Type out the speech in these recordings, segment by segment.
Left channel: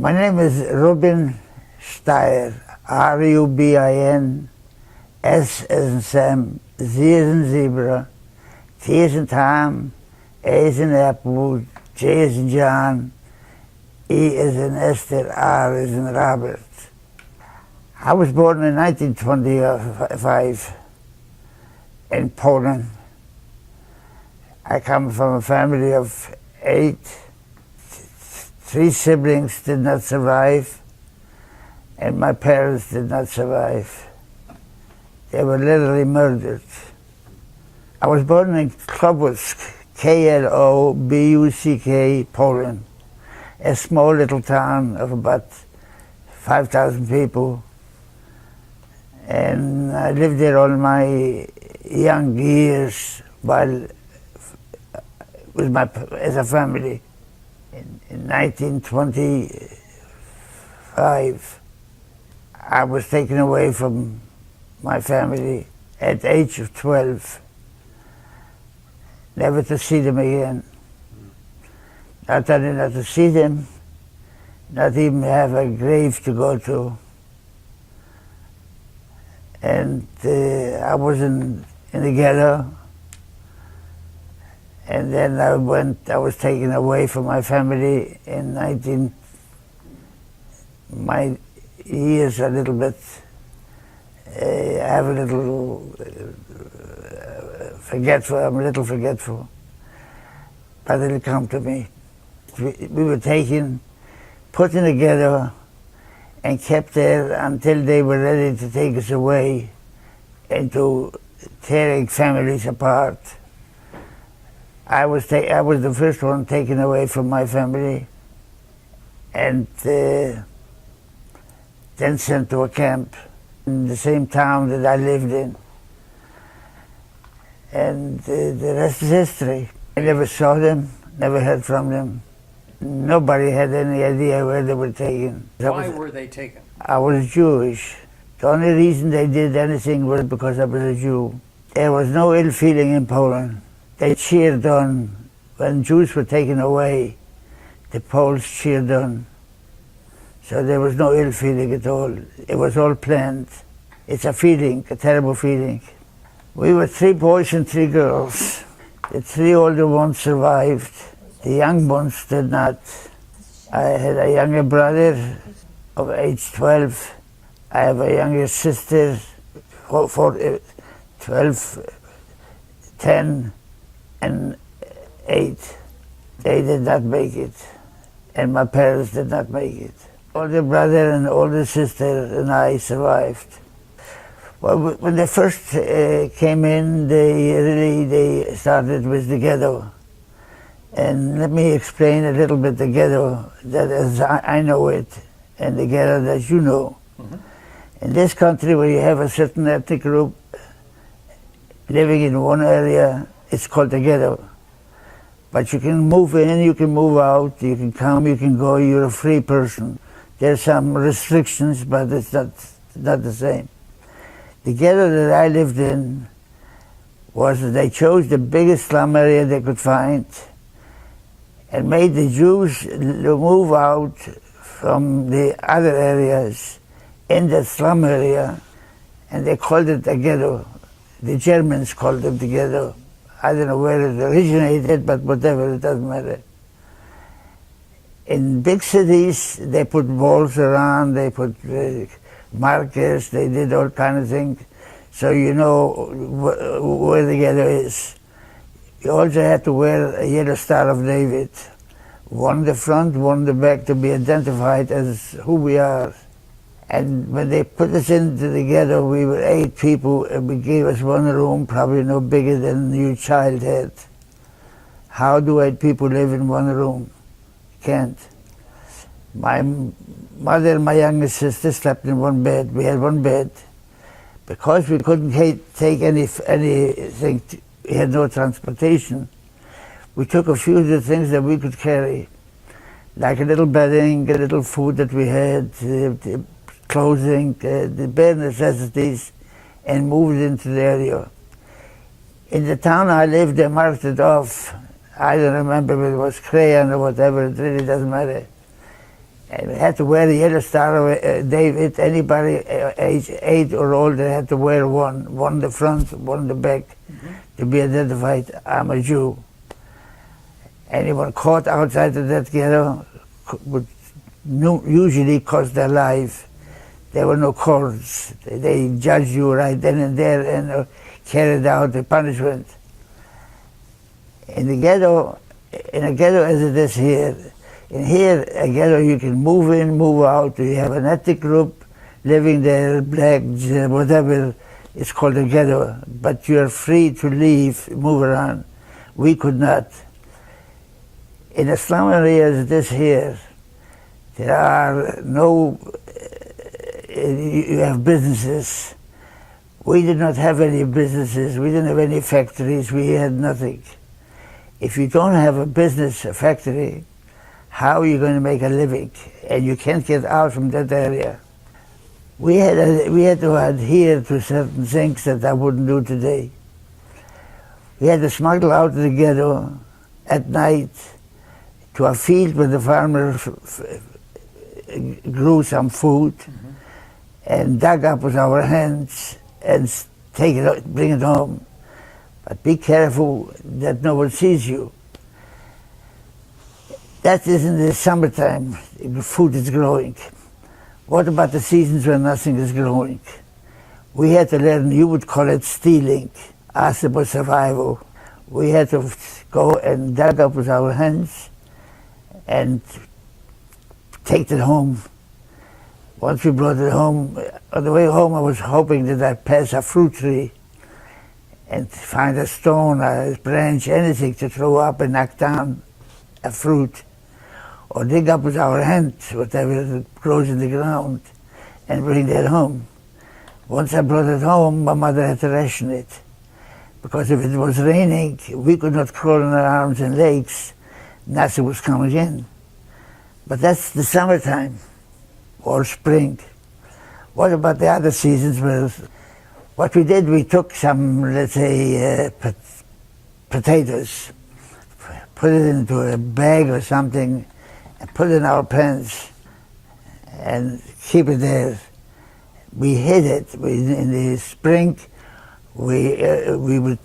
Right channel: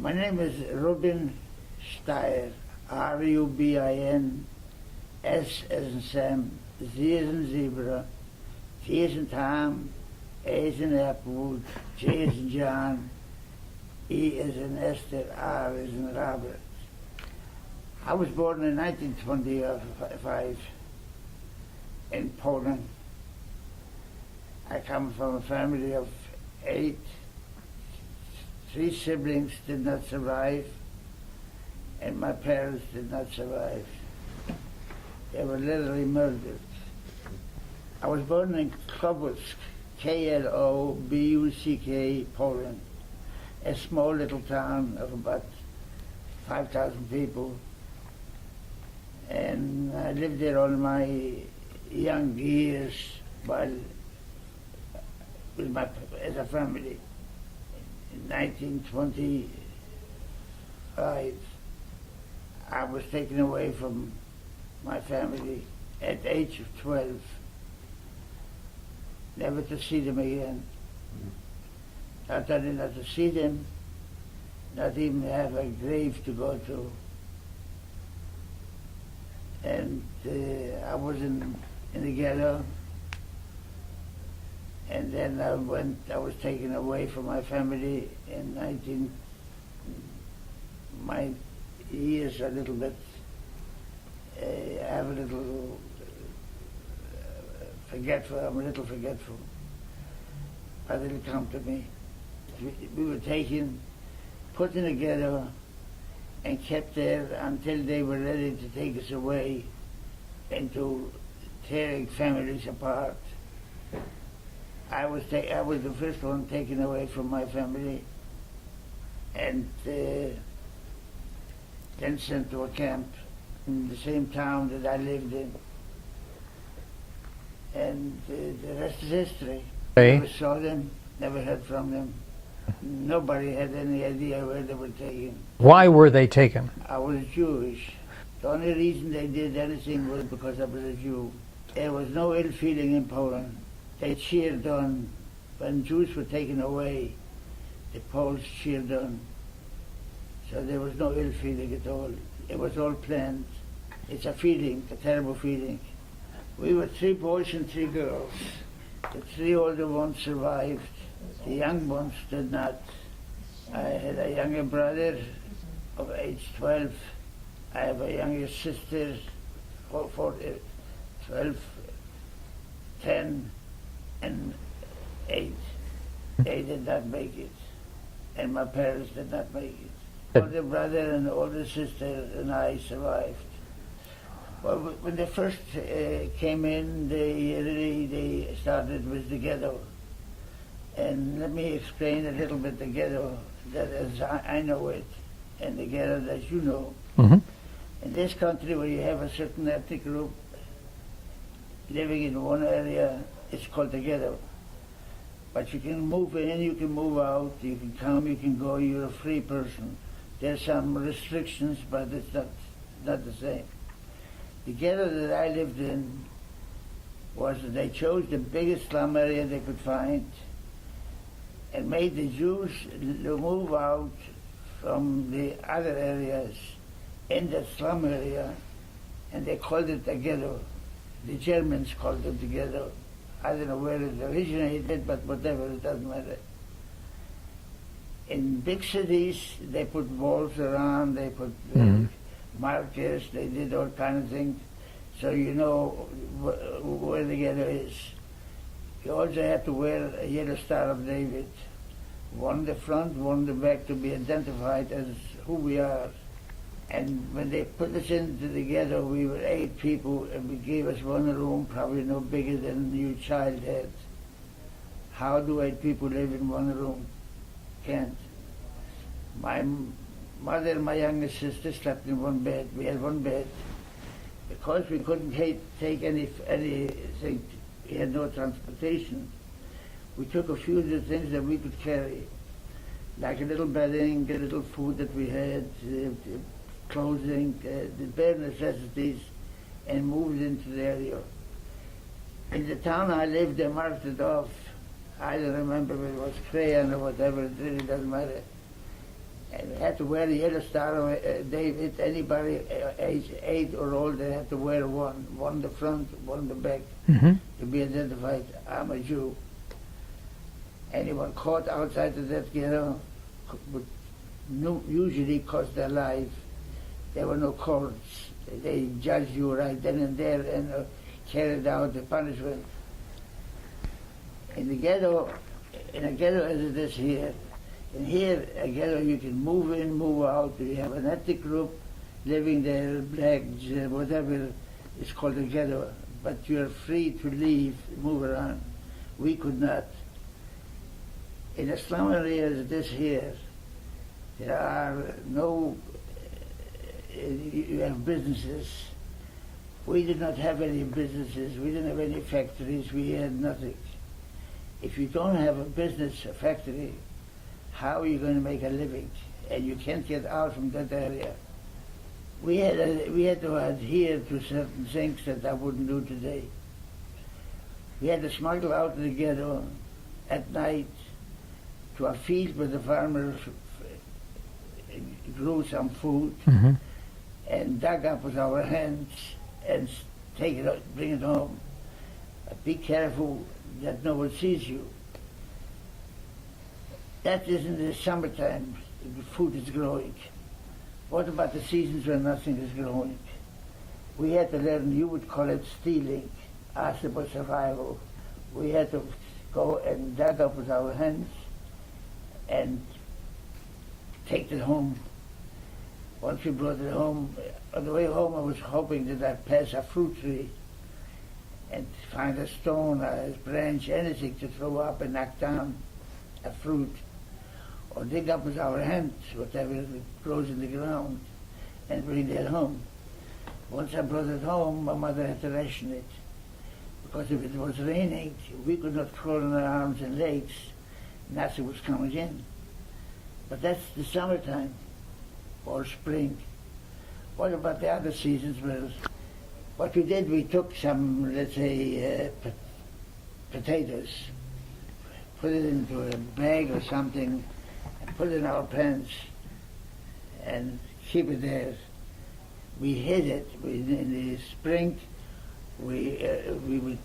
My name is Rubin Sztajer, Rubin, S as in Sam, Z as in zebra, T as in Tom, A as in apple, J as in John, E as in Esther, R as in Robert. I was born in 1925 in Poland. I come from a family of 8. 3 siblings did not survive, and my parents did not survive. They were literally murdered. I was born in Klobuck, Klobuck, Poland, a small little town of about 5,000 people. And I lived there all my young years while as a family. In 1925, I was taken away from my family at the age of 12, never to see them again. Not only not to see them, not even have a grave to go to. And I was in the ghetto, and then I was taken away from my family in my years a little bit, I have a little forgetful, I'm a little forgetful, but it'll come to me. We were taken, put in the ghetto, and kept there until they were ready to take us away into tearing families apart. I was the first one taken away from my family and then sent to a camp in the same town that I lived in. And the rest is history. I never saw them, never heard from them. Nobody had any idea where they were taken. Why were they taken? I was Jewish. The only reason they did anything was because I was a Jew. There was no ill feeling in Poland. They cheered on. When Jews were taken away, the Poles cheered on. So there was no ill feeling at all. It was all planned. It's a feeling, a terrible feeling. We were 3 boys and 3 girls. The 3 older ones survived. The young ones did not. I had a younger brother of age 12. I have a younger sister, 12, 10, and 8. They did not make it, and my parents did not make it. Older brother and older sister and I survived. Well, when they first came in, they started with the ghetto. And let me explain a little bit the ghetto that as I know it, and the ghetto that you know. Mm-hmm. In this country, where you have a certain ethnic group living in one area, it's called the ghetto. But you can move in, you can move out, you can come, you can go, you're a free person. There's some restrictions, but it's not the same. The ghetto that I lived in was that they chose the biggest slum area they could find and made the Jews move out from the other areas in the slum area, and they called it the ghetto. The Germans called it the ghetto. I don't know where it originated, but whatever, it doesn't matter. In big cities, they put walls around, they put markers, they did all kinds of things, so you know where the ghetto is. You also had to wear a yellow Star of David, one in the front, one in the back, to be identified as who we are. And when they put us into the ghetto, we were 8 people, and we gave us one room, probably no bigger than your child had. How do 8 people live in one room? Can't. My mother and my younger sister slept in one bed. We had one bed. Because we couldn't take anything, we had no transportation, we took a few of the things that we could carry, like a little bedding, a little food that we had, clothing, the bare necessities, and moved into the area. In the town I lived, they marked it off. I don't remember if it was crayon or whatever, it really doesn't matter. And had to wear the Yellow Star of David. Anybody age 8 or older had to wear one in the front, one in the back, to be identified. I'm a Jew. Anyone caught outside of that ghetto would usually cost their life. There were no courts. They judged you right then and there and carried out the punishment. In a ghetto as it is here, in here, a ghetto you can move in, move out. You have an ethnic group living there, blacks, whatever. It's called a ghetto. But you're free to leave, move around. We could not. In a slum area as it is here, there are no, you have businesses. We did not have any businesses. We didn't have any factories. We had nothing. If you don't have a business, a factory, how are you going to make a living? And you can't get out from that area. We had to adhere to certain things that I wouldn't do today. We had to smuggle out of the ghetto at night to a field where the farmer grew some food and dug up with our hands and take it, bring it home. But be careful that no one sees you. That is in the summertime, food is growing. What about the seasons when nothing is growing? We had to learn, you would call it stealing, ask about survival. We had to go and dug up with our hands and take it home. Once we brought it home, on the way home I was hoping that I'd pass a fruit tree and find a stone, a branch, anything to throw up and knock down a fruit. Or dig up with our hands, whatever grows in the ground, and bring that home. Once I brought it home, my mother had to ration it. Because if it was raining, we could not crawl on our arms and legs. Nothing was coming in. But that's the summertime, or spring. What about the other seasons? Well, what we did, we took some, let's say, potatoes, put it into a bag or something, and put it in our pants, and keep it there. We hid it. In the spring, we would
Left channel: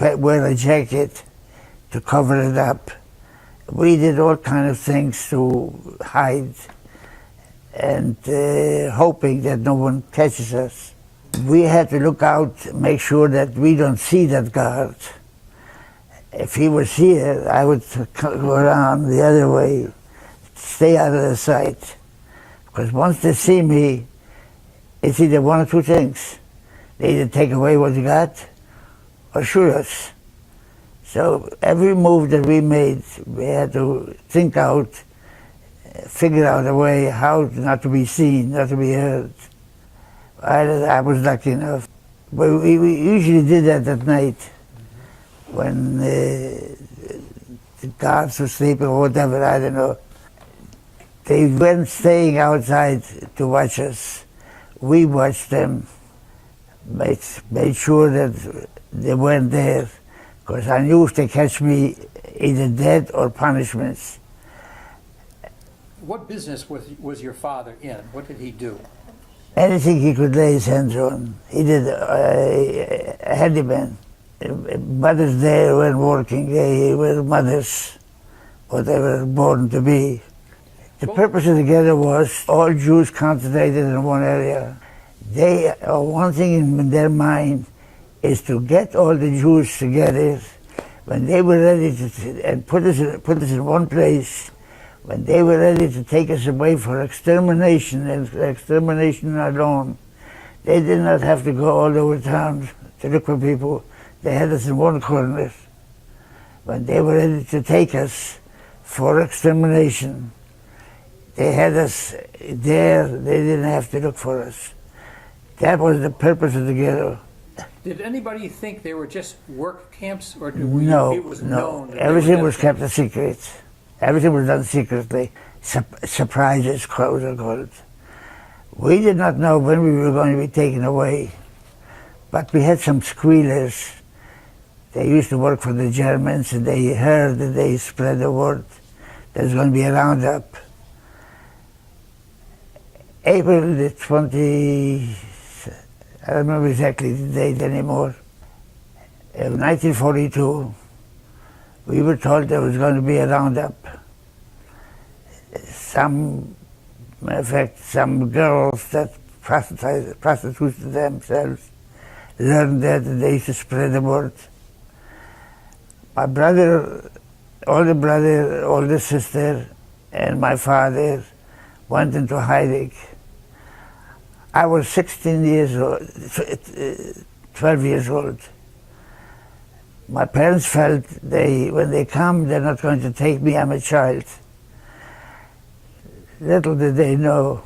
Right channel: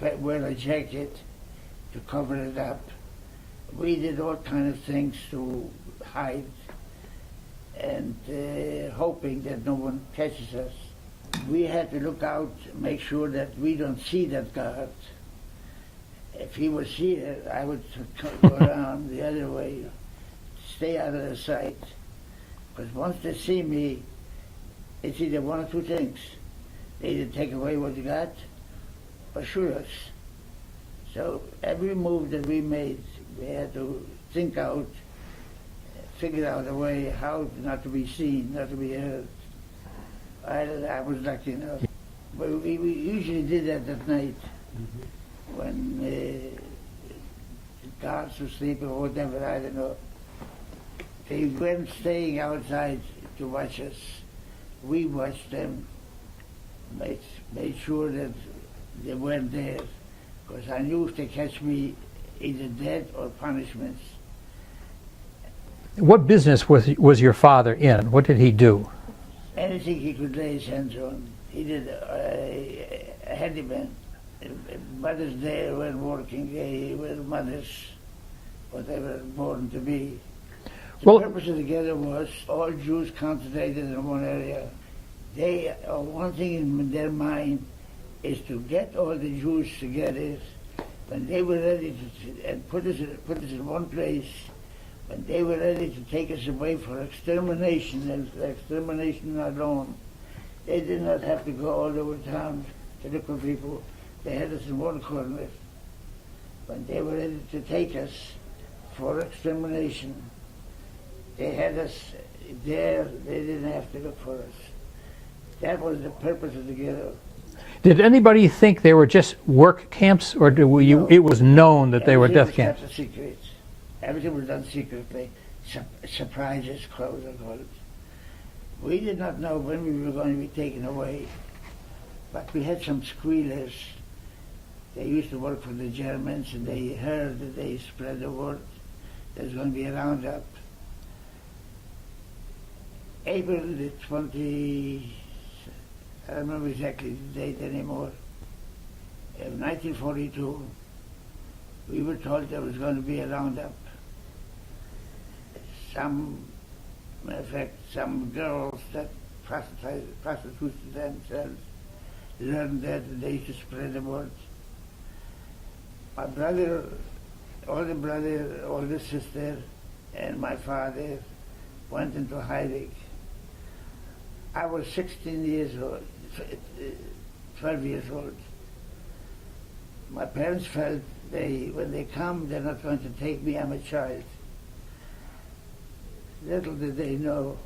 wear a jacket to cover it up. We did all kinds of things to hide, and hoping that no one catches us. We had to look out, make sure that we don't see that guard. If he was here, I would go around the other way, stay out of the sight. Because once they see me, it's either one or two things. They either take away what you got or shoot us. So every move that we made, we had to think out, figure out a way how not to be seen, not to be heard. I was lucky enough. But we usually did that at night when the guards were sleeping or whatever, I don't know. They weren't staying outside to watch us. We watched them, made sure that they weren't there, because I knew if they catch me, either dead or punishments. What business was your father in? What did he do? Anything he could lay his hands on. He did a handyman. Mothers there weren't working, they were mothers, what they were born to be. The purpose of the ghetto was all Jews concentrated in one area. They, one thing in their mind is to get all the Jews together when they were ready to, and put us in one place, when they were ready to take us away for extermination, and extermination alone. They did not have to go all over town to look for people. They had us in one corner. When they were ready to take us for extermination, they had us there. They didn't have to look for us. That was the purpose of the ghetto. Did anybody think they were just work camps, or it was known that they were death camps? Everything was kept a secret. Everything was done secretly. Surprises, quote unquote. We did not know when we were going to be taken away, but we had some squealers. They used to work for the Germans, and they heard that they spread the word there's going to be a roundup. April the 20, I don't remember exactly the date anymore, in 1942, we were told there was going to be a roundup. Matter of fact, some girls that prostituted themselves learned that and they used to spread the word. My brother, older sister, and my father went into hiding. I was 16 years old, 12 years old. My parents felt when they come, they're not going to take me, I'm a child. Little did they know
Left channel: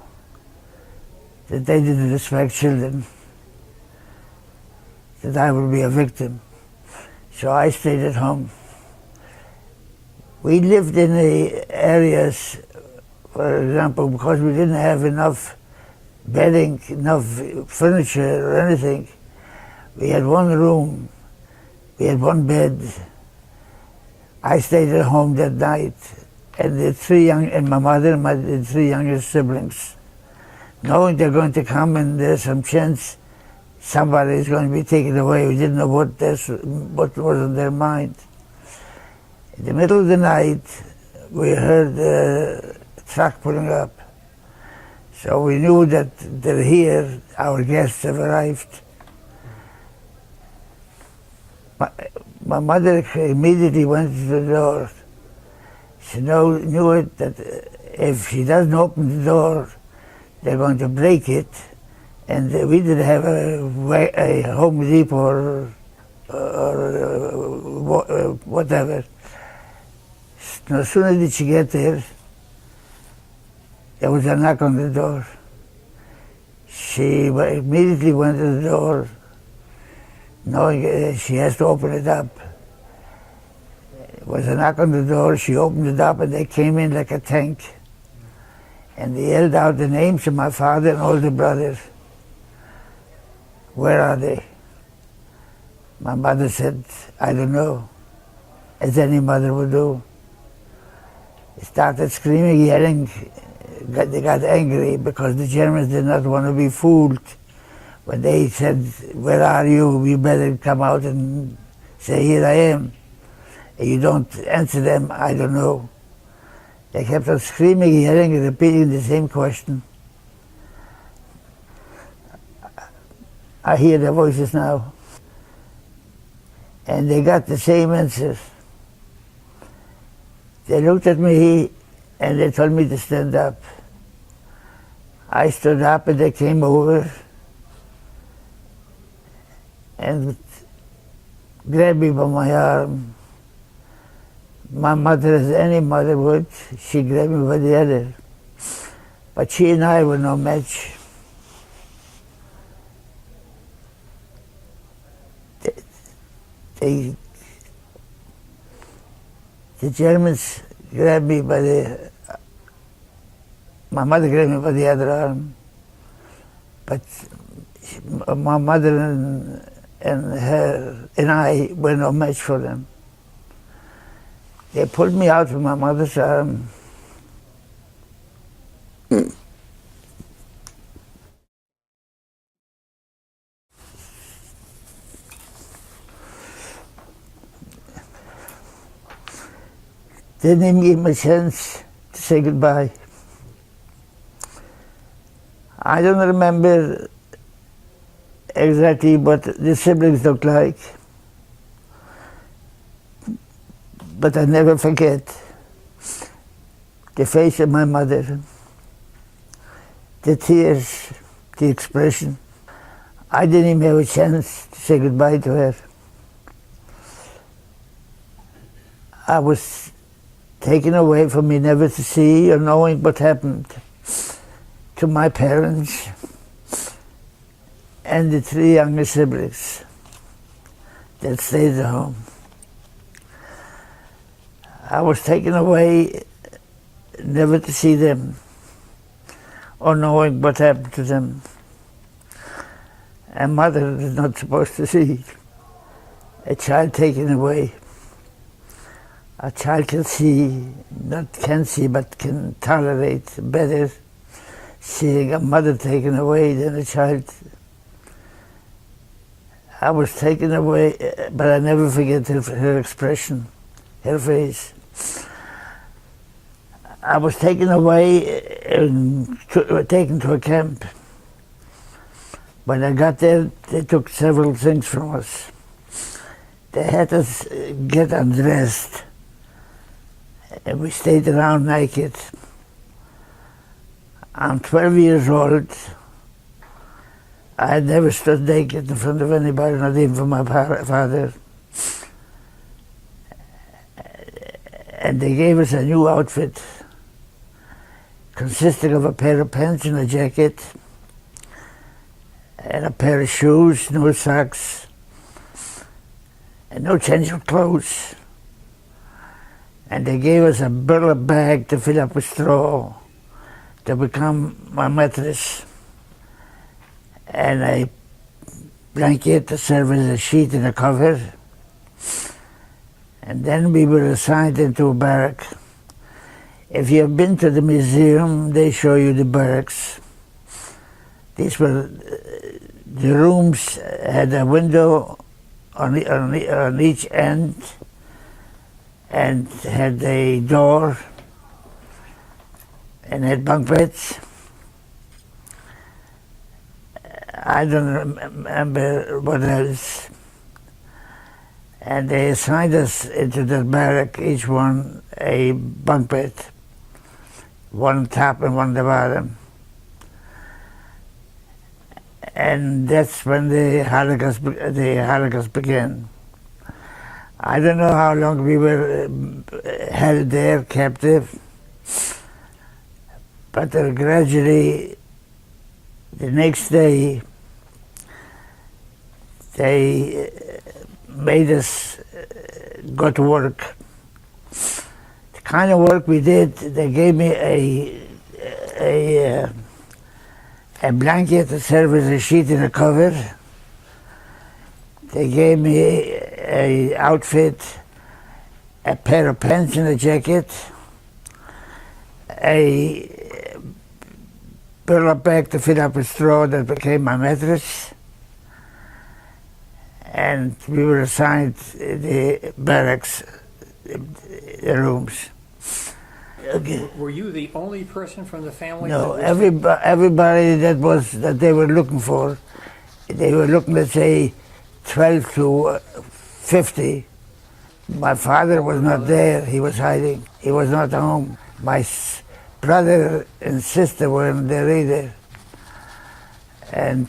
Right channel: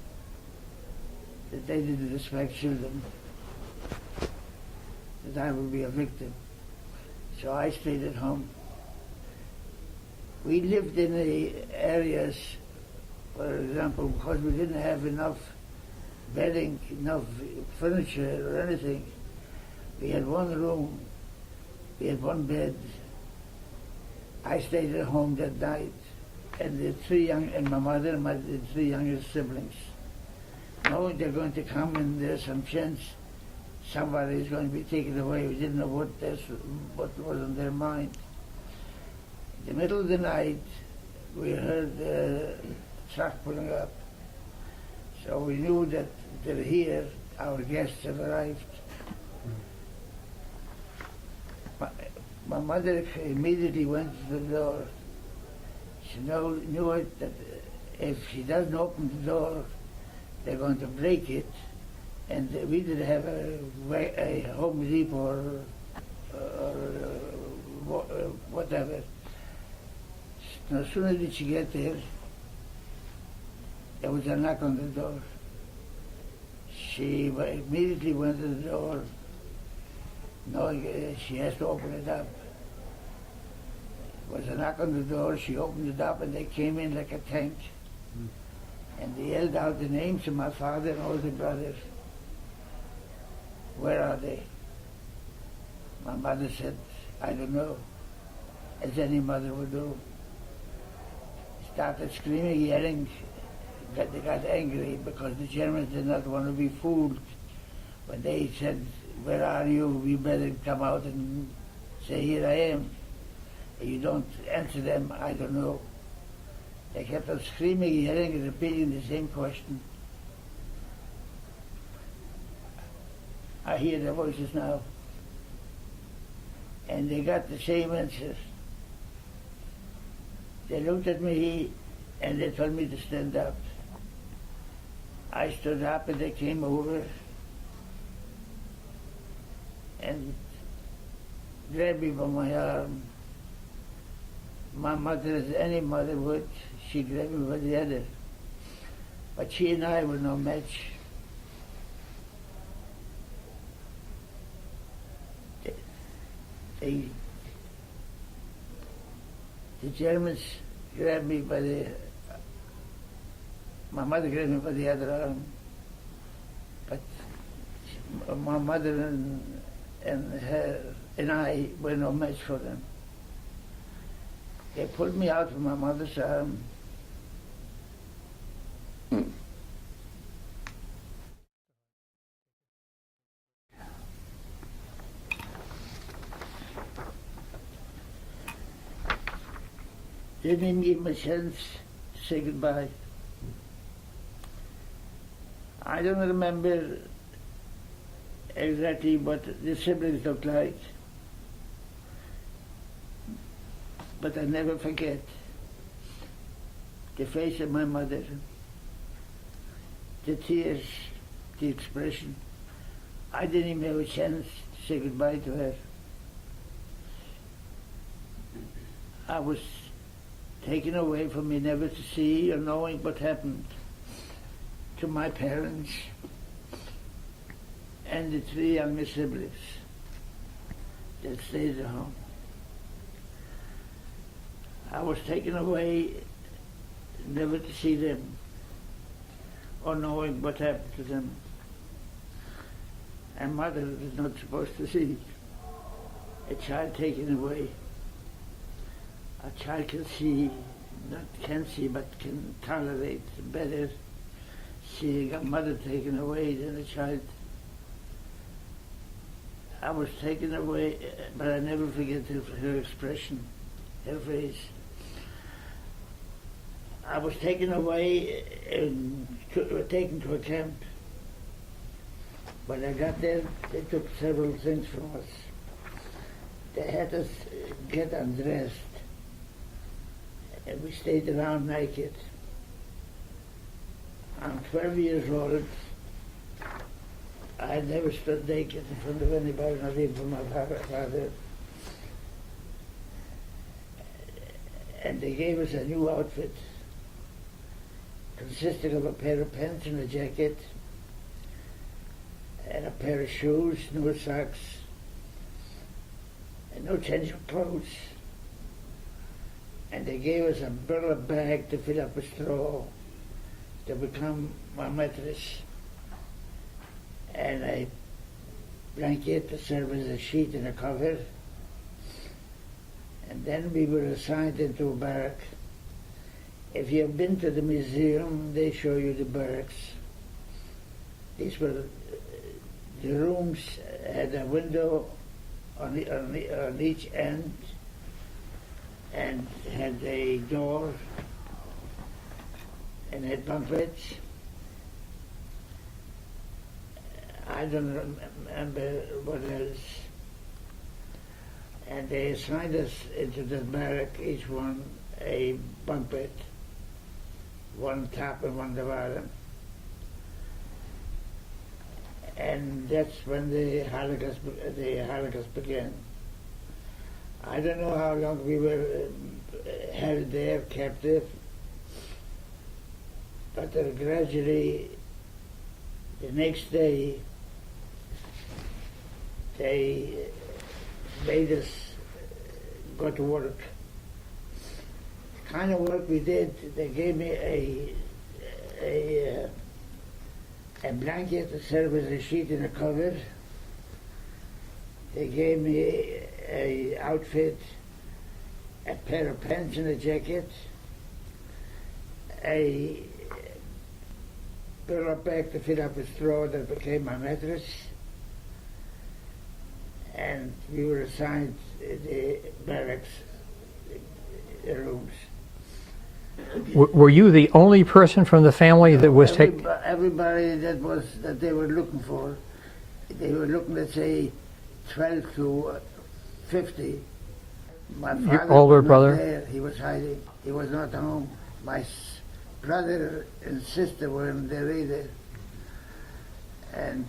that they didn't respect children, that I would be a victim. So I stayed at home. We lived in the areas, for example, because we didn't have enough bedding, enough furniture or anything. We had one room, we had one bed. I stayed at home that night, and my mother and the three youngest siblings, knowing they're going to come and there's some chance somebody is going to be taken away. We didn't know what was on their mind. In the middle of the night, we heard a truck pulling up. So we knew that they're here, our guests have arrived. My mother immediately went to the door. She knew it, that if she doesn't open the door, they're going to break it. And we didn't have a Home Depot or whatever. No sooner did she get there was a knock on the door. She immediately went to the door, knowing she has to open it up. There was a knock on the door, she opened it up, and they came in like a tank. And they yelled out the names of my father and older brothers. Where are they? My mother said, I don't know, as any mother would do. They started screaming, yelling. They got angry because the Germans did not want to be fooled. When they said, where are you? We better come out and say, here I am. If you don't answer them, I don't know. They kept on screaming, yelling, and repeating the same question. I hear their voices now. And they got the same answers. They looked at me and they told me to stand up. I stood up and they came over and grabbed me by my arm. My mother, as any mother would, she grabbed me by the other. But she and I were no match. The Germans grabbed me by my mother grabbed me by the other arm, but my mother and I were no match for them. They pulled me out from my mother's arm. They didn't give me a chance to say goodbye. I don't remember exactly what the siblings looked like, but I never forget the face of my mother, the tears, the expression. I didn't even have a chance to say goodbye to her. I was taken away from me, never to see or knowing what happened to my parents and the three younger siblings that stayed at home. I was taken away never to see them or knowing what happened to them. And mother is not supposed to see a child taken away. A child can see, not can see, but can tolerate better seeing a mother taken away than a child. I was taken away, but I never forget her expression, her face. I was taken away and taken to a camp. When I got there, they took several things from us. They had us get undressed, and we stayed around naked. I'm 12 years old. I had never stood naked in front of anybody, not even for my father. And they gave us a new outfit, consisting of a pair of pants and a jacket, and a pair of shoes, no socks, and no change of clothes. And they gave us a burlap bag to fill up with straw to become my mattress, and a blanket to serve as a sheet and a cover. And then we were assigned into a barrack. If you've been to the museum, they show you the barracks. These were, the rooms had a window on each end and had a door and had bunk beds. I don't remember what else. And they assigned us into the barrack, each one a bunk bed, one top and one at the bottom. And that's when the Holocaust began. I don't know how long we were held there, captive, but gradually, the next day, they made us go to work. The kind of work we did, they gave me a blanket to serve as a sheet and a cover. They gave me a outfit, a pair of pants and a jacket, a burlap bag to fill up with straw that became my mattress, and we were assigned the barracks, the rooms. Were you the only person from the family that was everybody that they were looking for, they were looking, let's say, 12 to 50. My father was not there, he was hiding. He was not home. My brother and sister weren't there either. And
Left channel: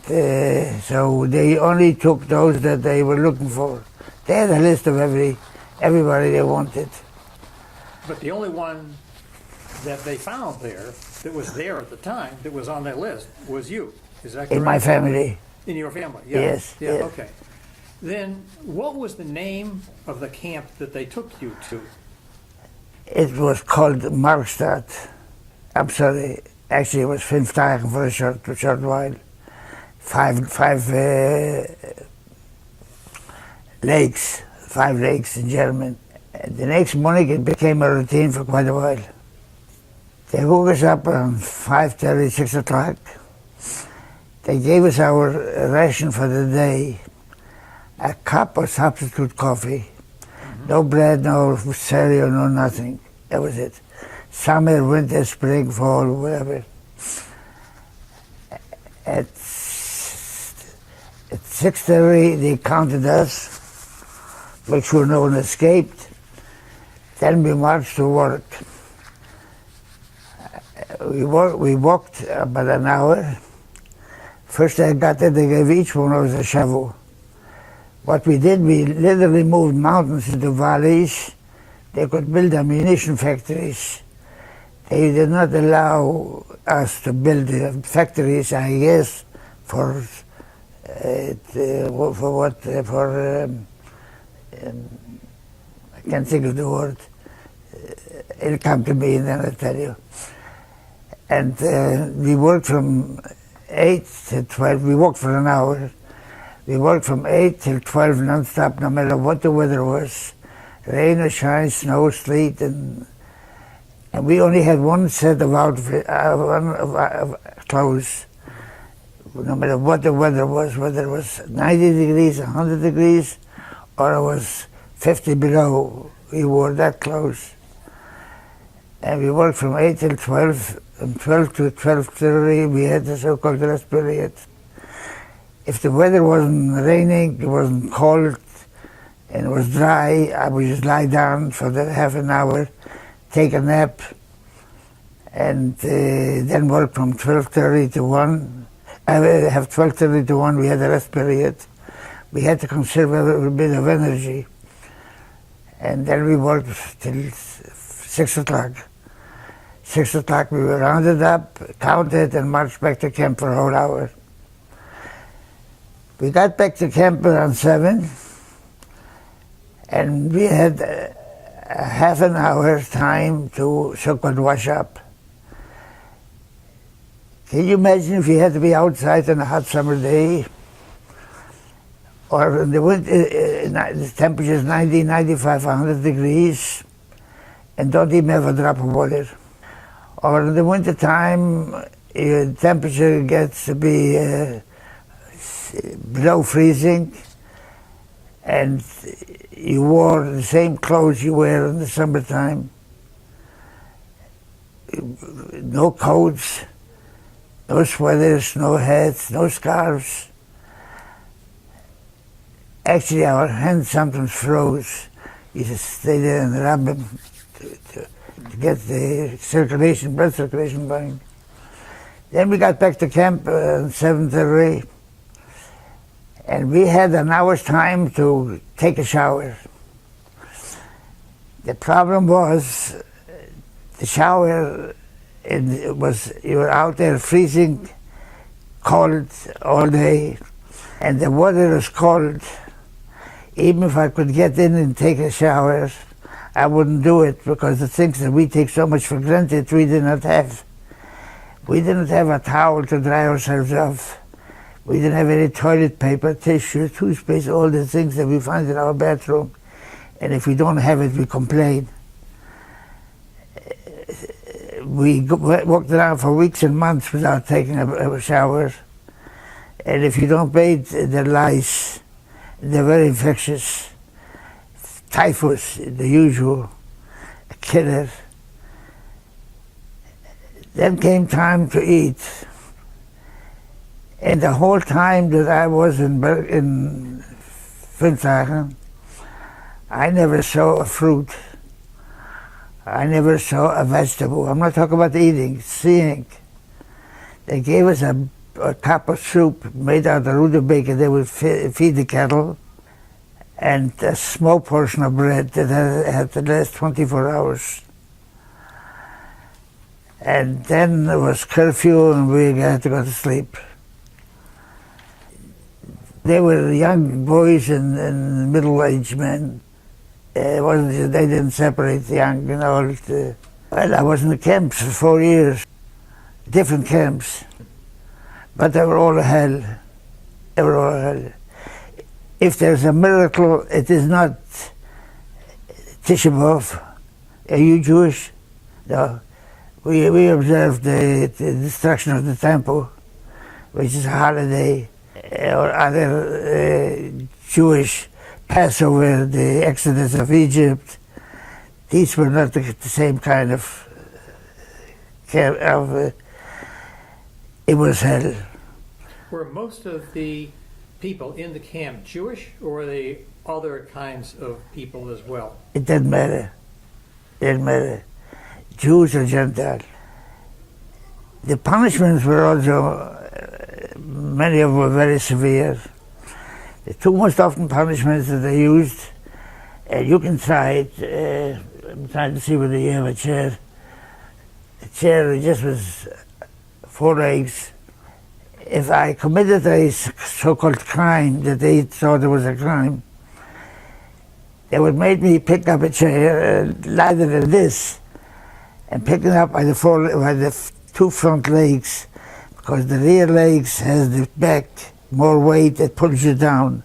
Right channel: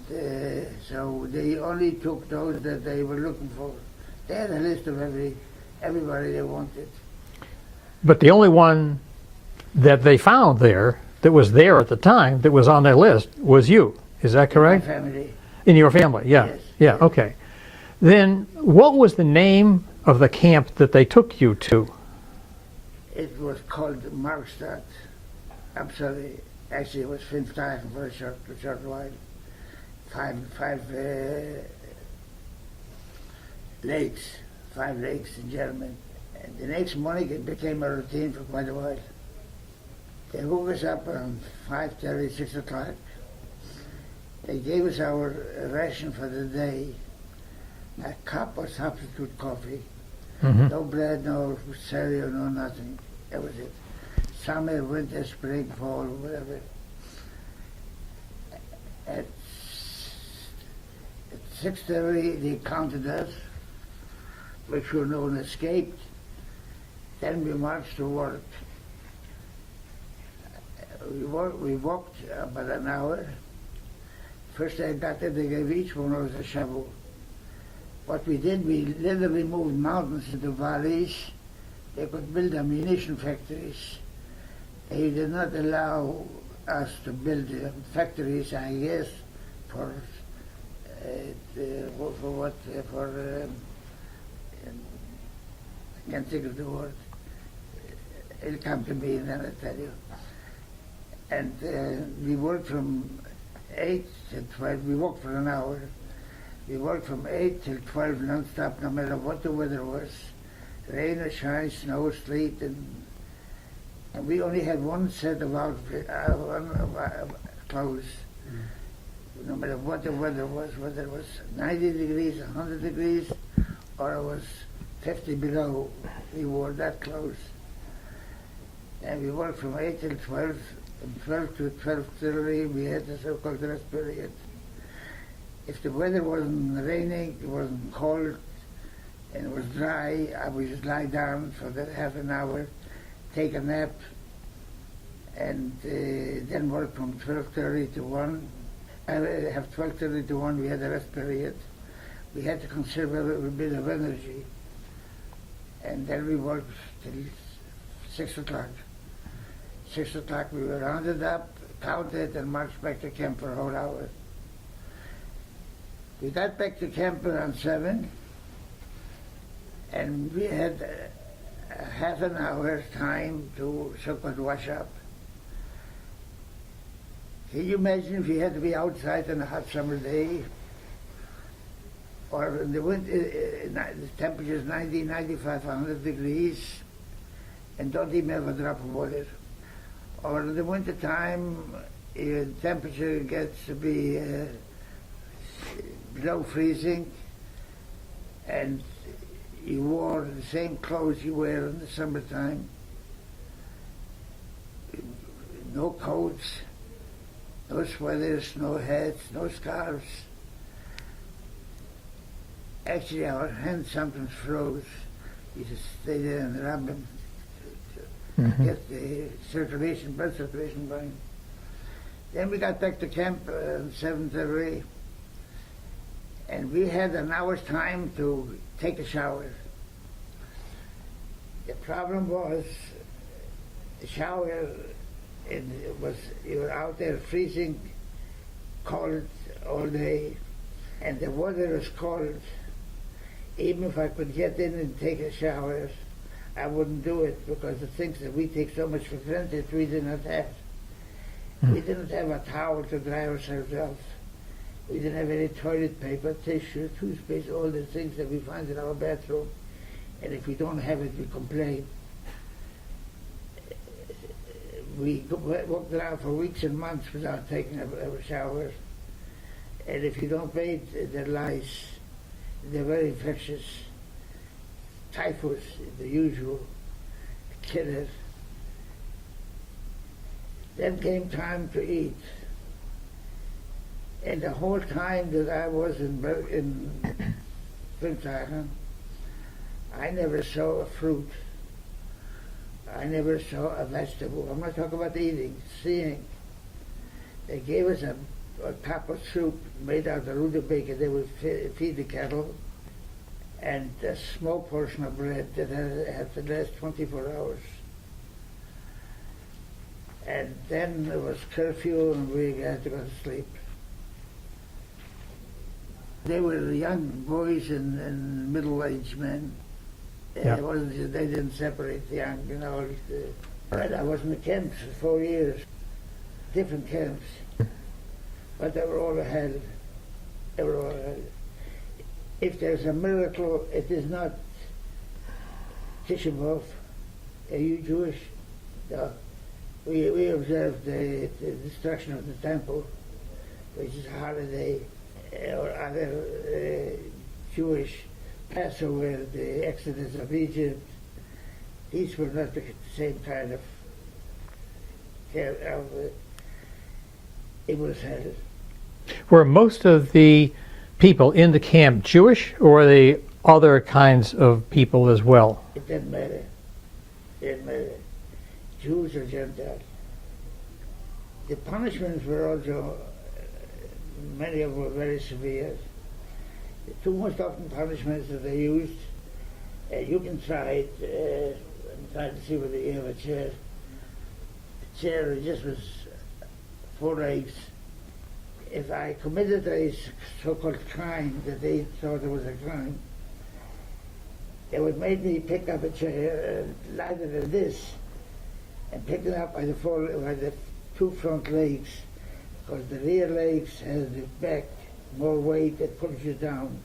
so they only took those that they were looking for. They had a list of everybody they wanted. But the only one that they found there, that was there at the time, that was on their list, was you. Is that correct? In my family. In your family, yeah. Yes. Yeah, yes. Okay. Then what was the name of the camp that they took you to? It was called Markstad. I'm sorry. Actually, it was Sztajer for a short while. Five lakes in German. The next morning it became a routine for quite a while. They woke us up around 5:30, 6 o'clock. They gave us our ration for the day, a cup of substitute coffee, no bread, no cereal, no nothing. That was it. Summer, winter, spring, fall, whatever. At 6:30 they counted us, make sure no one escaped. Then we marched to work. We walked about an hour. First I got there, they gave each one of us a shovel. What we did, we literally moved mountains into valleys. They could build ammunition factories. They did not allow us to build factories, I guess, for I can't think of the word. It'll come to me and then I'll tell you. And we worked from 8 to 12. We worked for an hour. We worked from 8 till 12 non-stop, no matter what the weather was. Rain or shine, snow, sleet, and And we only had one set of outfit, of clothes. No matter what the weather was, whether it was 90 degrees, 100 degrees, or it was 50 below, we wore that clothes. And we worked from 8 till 12, and 12 to 12:30 we had the so-called rest period. If the weather wasn't raining, it wasn't cold, and it was dry, I would just lie down for that half an hour, take a nap, and then work from 12:30 to 1. I would have 12:30 to 1, we had a rest period. We had to conserve a little bit of energy. And then we worked till 6 o'clock. 6 o'clock we were rounded up, counted, and marched back to camp for a whole hour. We got back to camp around 7, and we had a half an hour time to so-called wash up. Can you imagine if you had to be outside on a hot summer day, or in the winter, the temperature is 90, 95, 100 degrees, and don't even have a drop of water. Or in the winter time, your temperature gets to be below freezing, and you wore the same clothes you wear in the summertime. No coats, no sweaters, no hats, no scarves. Actually, our hands sometimes froze. You just stay there and rub them to get the circulation, blood circulation going. Then we got back to camp at 7:30, and we had an hour's time to take a shower. The problem was the shower, you were out there freezing cold all day, and the water was cold. Even if I could get in and take a shower, I wouldn't do it, because the things that we take so much for granted, we did not have. We didn't have a towel to dry ourselves off. We didn't have any toilet paper, tissue, toothpaste, all the things that we find in our bathroom. And if we don't have it, we complain. We walked around for weeks and months without taking a shower. And if you don't bathe, the lice, they're very infectious. Typhus, the usual killer. Then came time to eat. And the whole time that I was in Sztajer, I never saw a fruit. I never saw a vegetable. I'm not talking about eating, seeing. They gave us a cup of soup made out of rutabaga. They would feed the cattle, and a small portion of bread that had to last 24 hours. And then there was curfew, and we had to go to sleep. They were young boys and middle-aged men. They didn't separate the young and old. Well, I was in the camps for 4 years, different camps, but they were all hell. They were all hell. If there's a miracle, it is not Tisha B'Av. Are you Jewish? No. We observe the destruction of the temple, which is a holiday, or other Jewish Passover, the Exodus of Egypt. These were not the same kind of it was hell. Were most of the people in the camp Jewish, or were they other kinds of people as well? It didn't matter. It didn't matter. Jews or Gentiles. The punishments were also, many of them were very severe. The two most often punishments that they used, you can try it. I'm trying to see whether you have a chair. The chair just was 4 legs. If I committed a so-called crime that they thought it was a crime, they would make me pick up a chair, lighter than this, and pick it up by the two front legs, because the rear legs has the back more weight that pulls you down.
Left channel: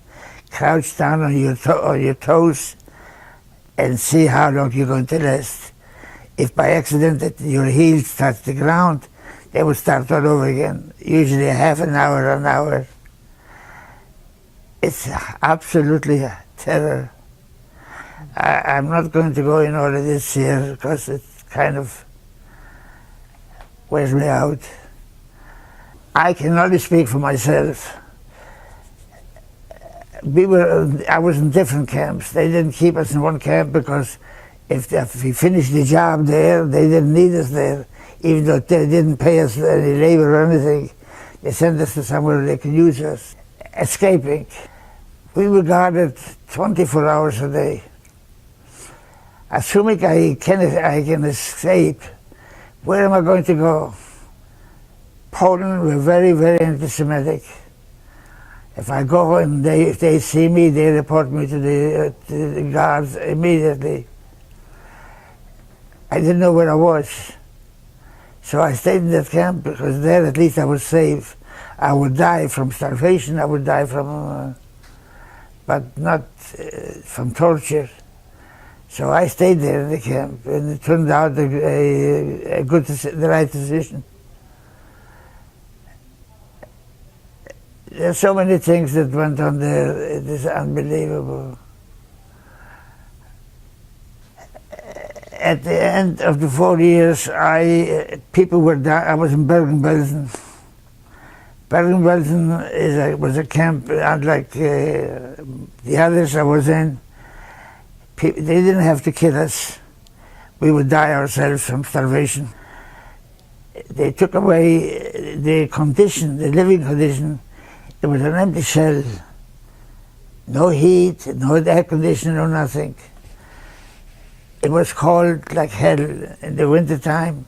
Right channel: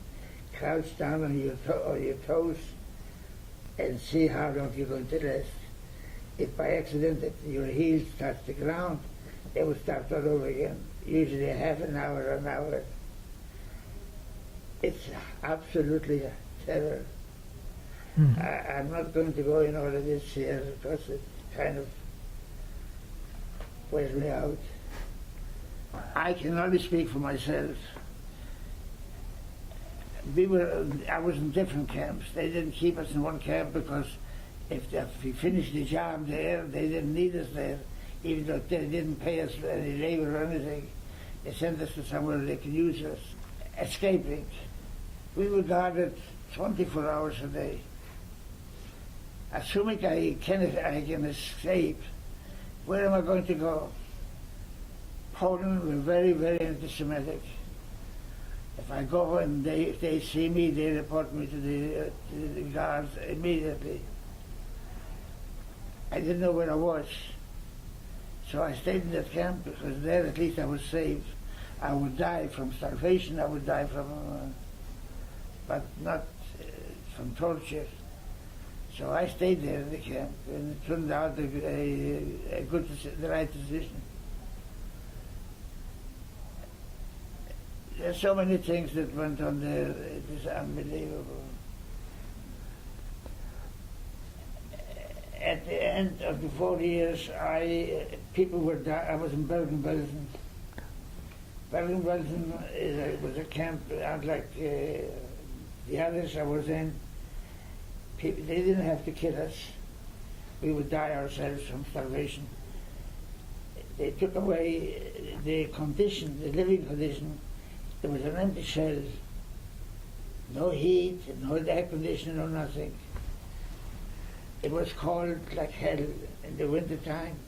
Crouch down on your toes and see how long you're going to last. If by accident your heels touched the ground, they would start all over again, usually half an hour. It's absolutely a terror. I'm not going to go in all of this here because it kind of wears me out. I can only speak for myself. I was in different camps. They didn't keep us in one camp because if we finished the job there, they didn't need us there. Even though they didn't pay us any labor or anything, they sent us to somewhere they could use us. Escaping. We were guarded 24 hours a day. Assuming I can escape, where am I going to go? Poland were very, very anti-Semitic. If I go and if they see me, they report me to the guards immediately. I didn't know where I was. So I stayed in that camp because there at least I was safe. I would die from starvation, I would die from, but not from torture. So I stayed there in the camp, and it turned out the right decision. There's so many things that went on there, it is unbelievable. At the end of the 4 years, people were down. I was in Bergen-Belsen. Bergen-Belsen was a camp unlike the others I was in. They didn't have to kill us. We would die ourselves from starvation. They took away the condition, the living condition. It was an empty shell. No heat, no air conditioning, no nothing. It was cold like hell in the wintertime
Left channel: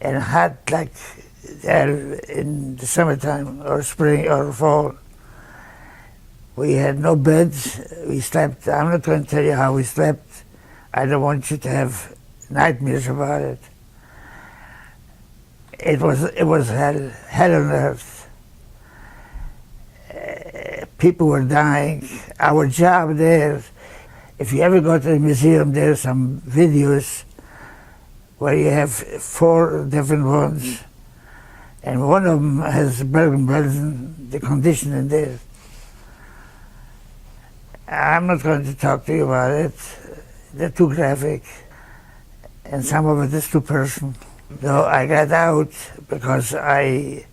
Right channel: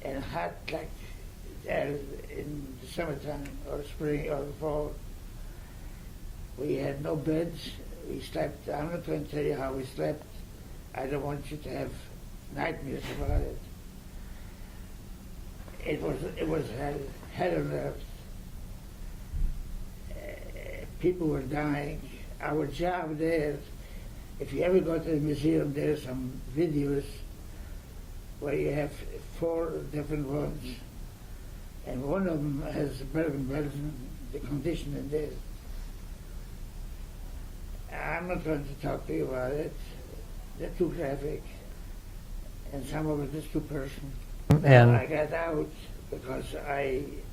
and hot like hell in the summertime or spring or fall. We had no beds. We slept. I'm not going to tell you how we slept. I don't want you to have nightmares about it. It was hell on earth. People were dying. Our job there, if you ever go to the museum, there's some videos where you have 4 different ones, and one of them has Bergen-Belsen, the condition in there. I'm not going to talk to you about it. They're too graphic, and some of it is too personal. No, I got out because I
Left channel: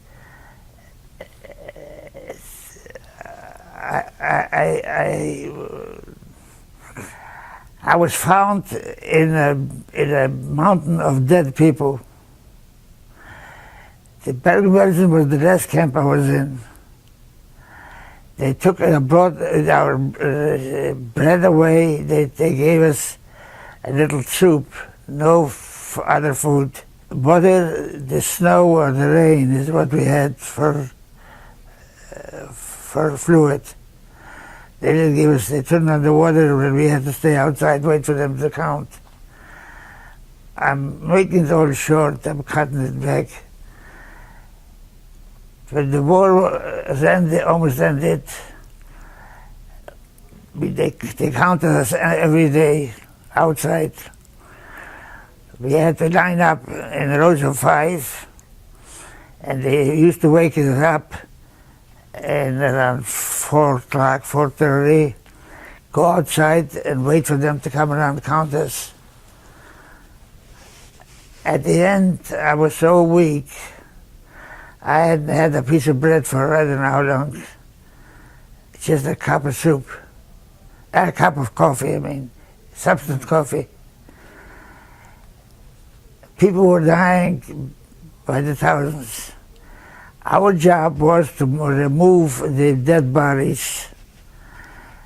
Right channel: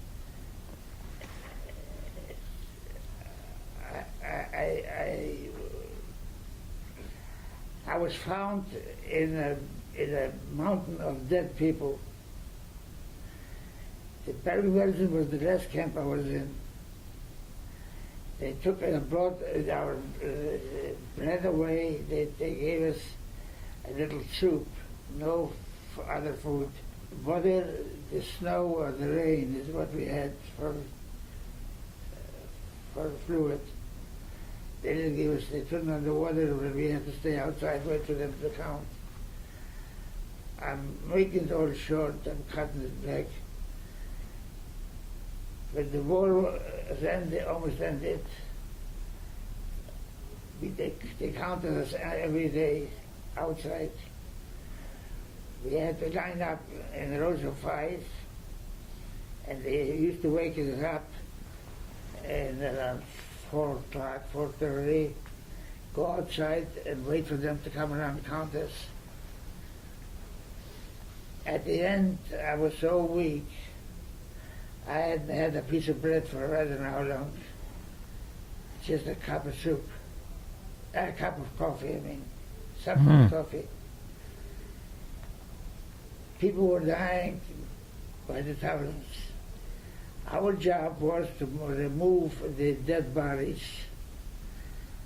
was found in a mountain of dead people. The Bergen-Belsen was the last camp I was in. They brought our bread away. They gave us a little soup, no other food. Butter, the snow or the rain is what we had for fluid. They didn't give us, they turned on the water and we had to stay outside, wait for them to count. I'm making it all short, I'm cutting it back. When the war almost ended, they counted us every day outside. We had to line up in rows of 5, and they used to wake us up, and around 4 o'clock, 4:30, go outside and wait for them to come around and count us. At the end, I was so weak, I hadn't had a piece of bread for I don't know how long. Just a cup of soup. A cup of coffee, I mean. Substance coffee. People were dying by the thousands. Our job was to remove the dead bodies.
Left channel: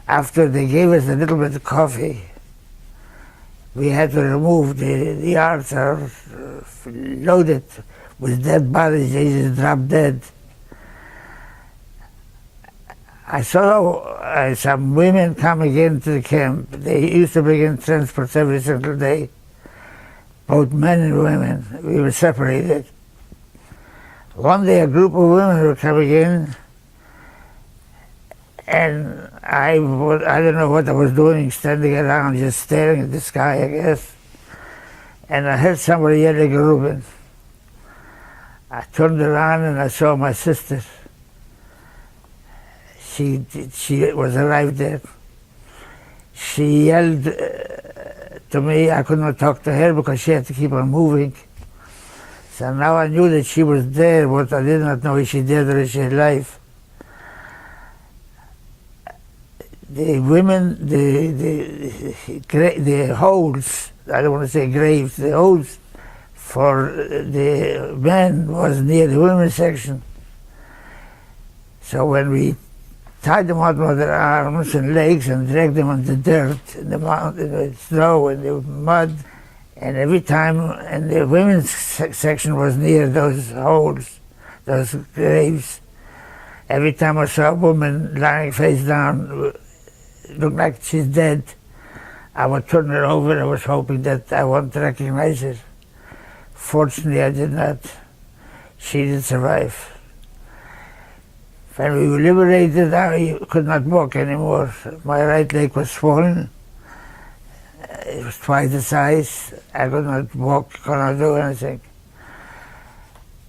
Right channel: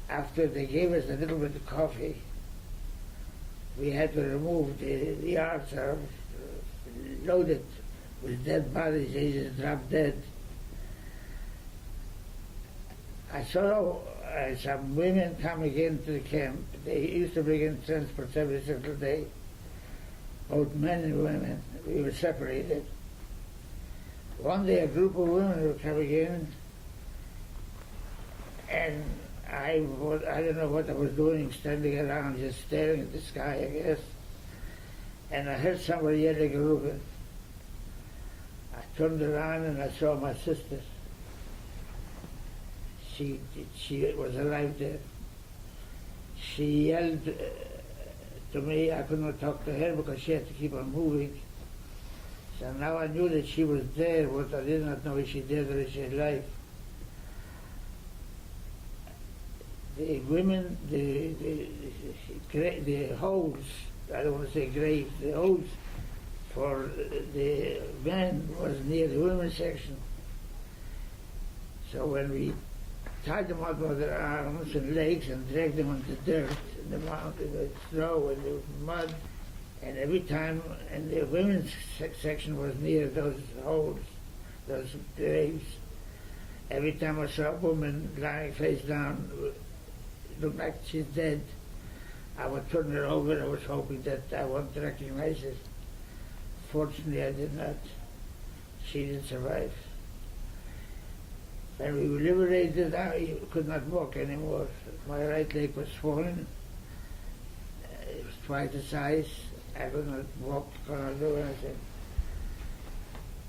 After they gave us a little bit of coffee, we had to remove the yards are loaded with dead bodies. They just dropped dead. I saw some women coming into the camp. They used to bring in transports every single day, both men and women. We were separated. One day a group of women were coming in, and I don't know what I was doing, standing around just staring at the sky, I guess. and I heard somebody yelling Reuben. I turned around and I saw my sister. She was arrived there. She yelled to me. I could not talk to her because she had to keep on moving. So now I knew that she was there, but I did not know if she dead or if she alive. The women, the holes, I don't want to say graves, the holes for the men was near the women's section. So when we tied them out with their arms and legs and dragged them on the dirt, in the mountain, in the snow, in the mud, and every time, and the women's section was near those holes, those graves. Every time I saw a woman lying face down, looked like she's dead, I would turn her over. I was hoping that I wouldn't recognize her. Fortunately, I did not. She did survive. When we were liberated, I could not walk anymore. My right leg was swollen. It was twice the size. I could not walk, could not do anything.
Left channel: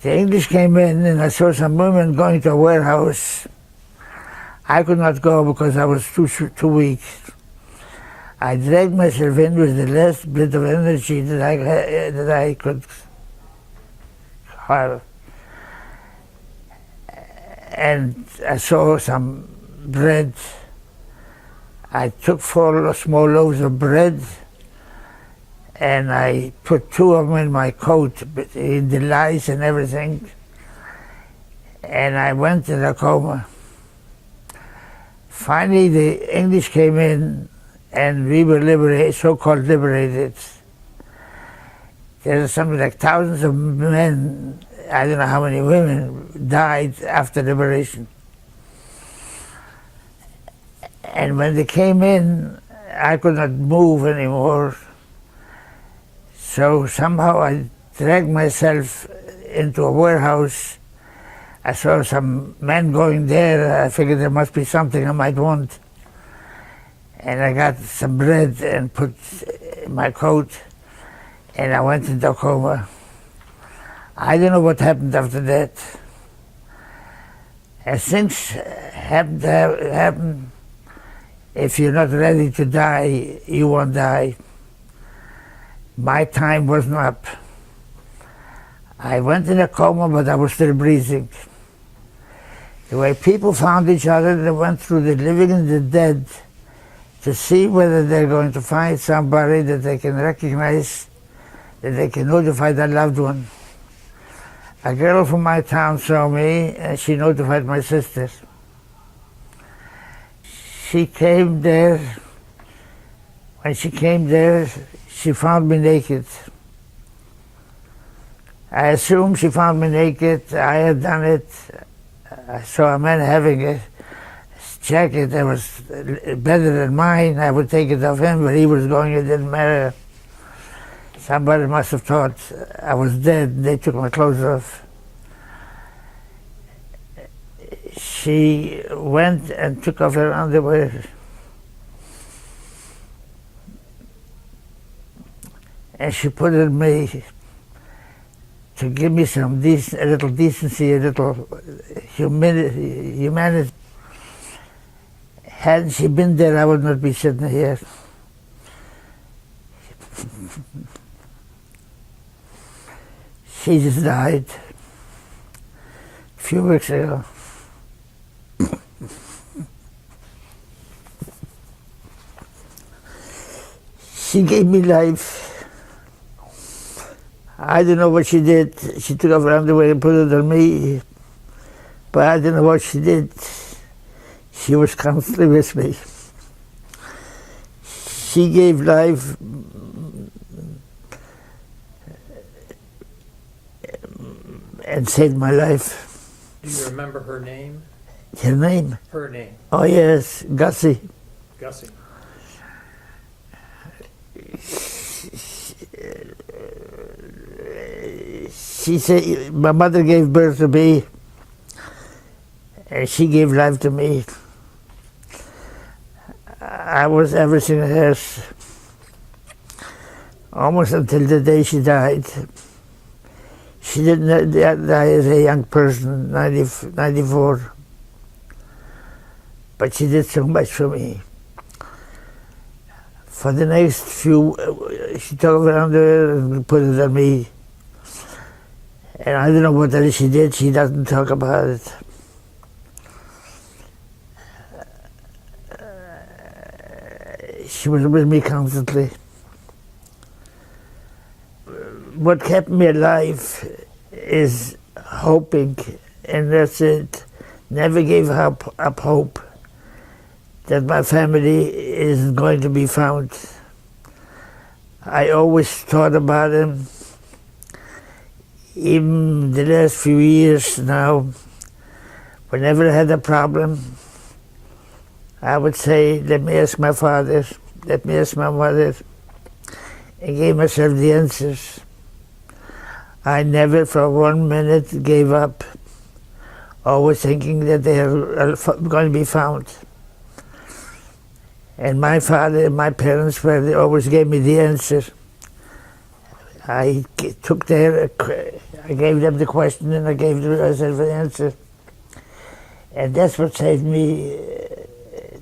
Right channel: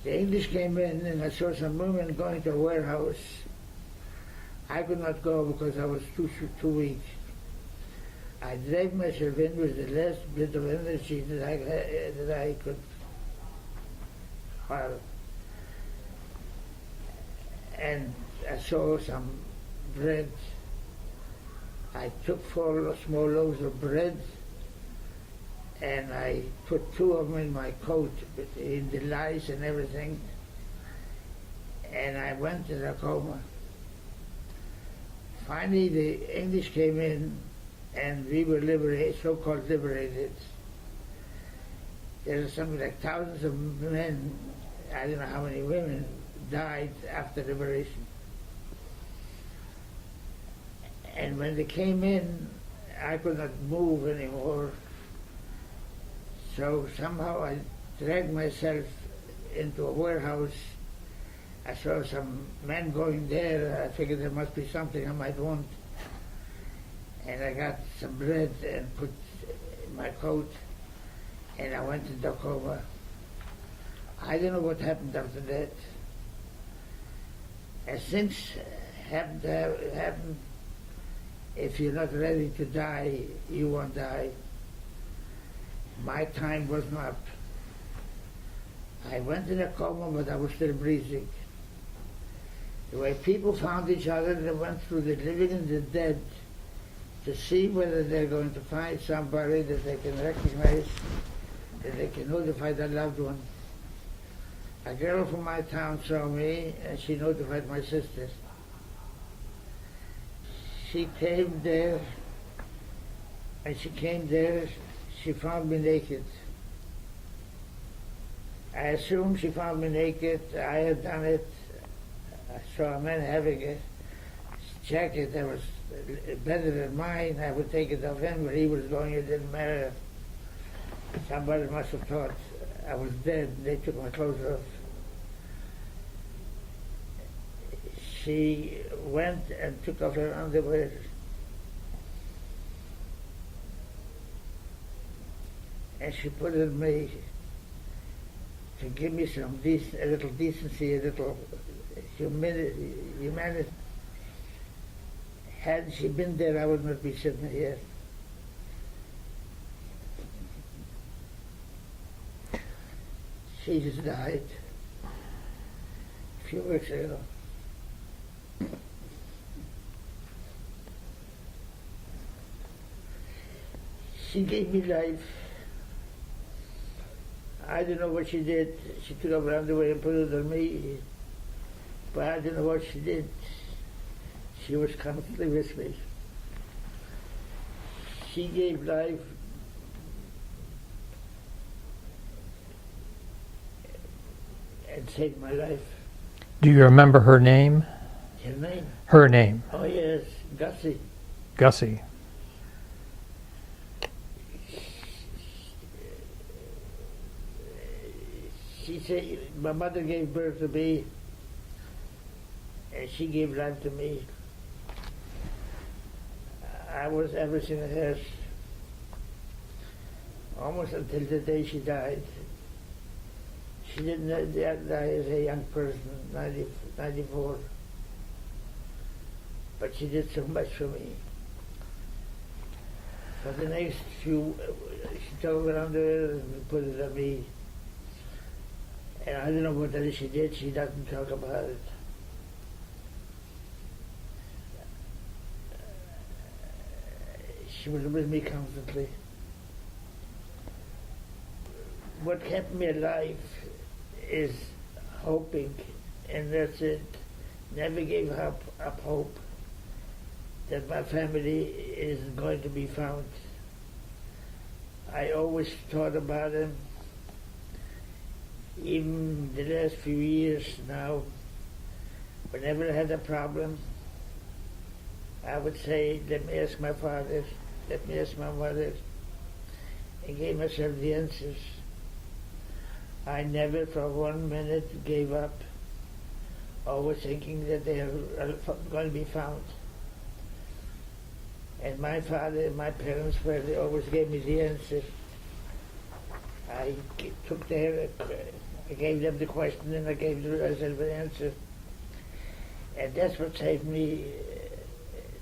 The English came in and I saw some women going to a warehouse. I could not go because I was too weak. I dragged myself in with the last bit of energy that I could have. And I saw some bread. I took 4 small loaves of bread and I put 2 of them in my coat, in the lice and everything. And I went in a coma. Finally, the English came in and we were liberated, so-called liberated. There were something like thousands of men, I don't know how many women, died after liberation. And when they came in, I could not move anymore. So somehow I dragged myself into a warehouse. I saw some men going there. I figured there must be something I might want. And I got some bread and put in my coat, and I went into a coma. I don't know what happened after that. As things happen, if you're not ready to die, you won't die. My time wasn't up. I went in a coma, but I was still breathing. The way people found each other, they went through the living and the dead to see whether they're going to find somebody that they can recognize, that they can notify their loved one. A girl from my town saw me and she notified my sister. She came there. When she came there, she found me naked. I assume she found me naked. I had done it. I saw a man having a jacket that was better than mine. I would take it off him, but he was going, it didn't matter. Somebody must have thought I was dead. They took my clothes off. She went and took off her underwear. And she put it in me to give me some a little decency, a little humanity. Hadn't she been there, I would not be sitting here. She just died a few weeks ago. She gave me life. I don't know what she did. She took off her underwear and put it on me, but I don't know what she did. She was constantly with me. She gave life and saved my life. Do you remember her name? Her name? Her name. Oh yes, Gussie. Gussie. She said, my mother gave birth to me, and she gave life to me. I was everything else. almost until the day she died. She didn't die as a young person, 94. But she did so much for me. For the next few, she took around her and put it on me. And I don't know what else she did, she doesn't talk about it. She was with me constantly. What kept me alive is hoping, and that's it. Never gave up hope that my family isn't going to be found. I always thought about him. Even the last few years now, whenever I had a problem, I would say, let me ask my father, let me ask my mother, and gave myself the answers. I never for 1 minute gave up, always thinking that they are going to be found. And my father and my parents they always gave me the answer. I gave them the question and I gave myself the answer. And that's what saved me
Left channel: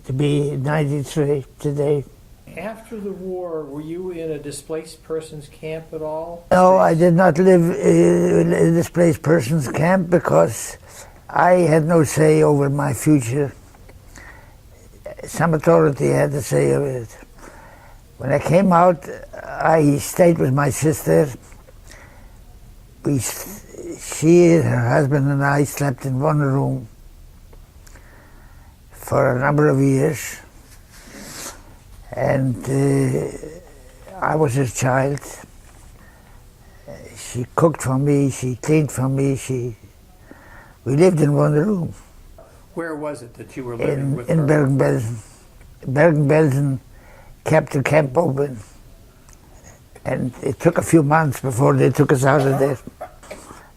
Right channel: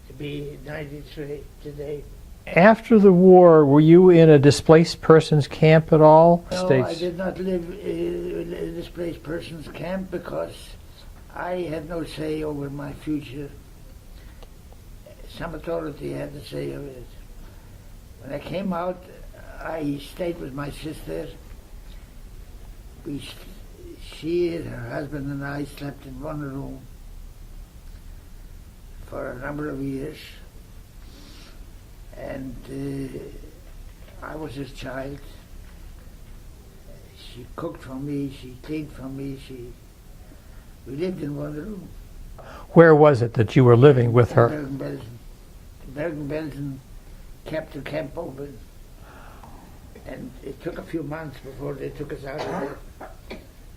to be 93 today. After the war, were you in a displaced persons camp at all? No, I did not live in a displaced persons camp because I had no say over my future. Some authority had to say over it. When I came out, I stayed with my sister. She, her husband, and I slept in one room for a number of years. And I was his child. She cooked for me, she cleaned for me, we lived in one room. Where was it that you were living with her? In Bergen-Belsen. Bergen-Belsen kept the camp open. And it took a few months before they took us out of there.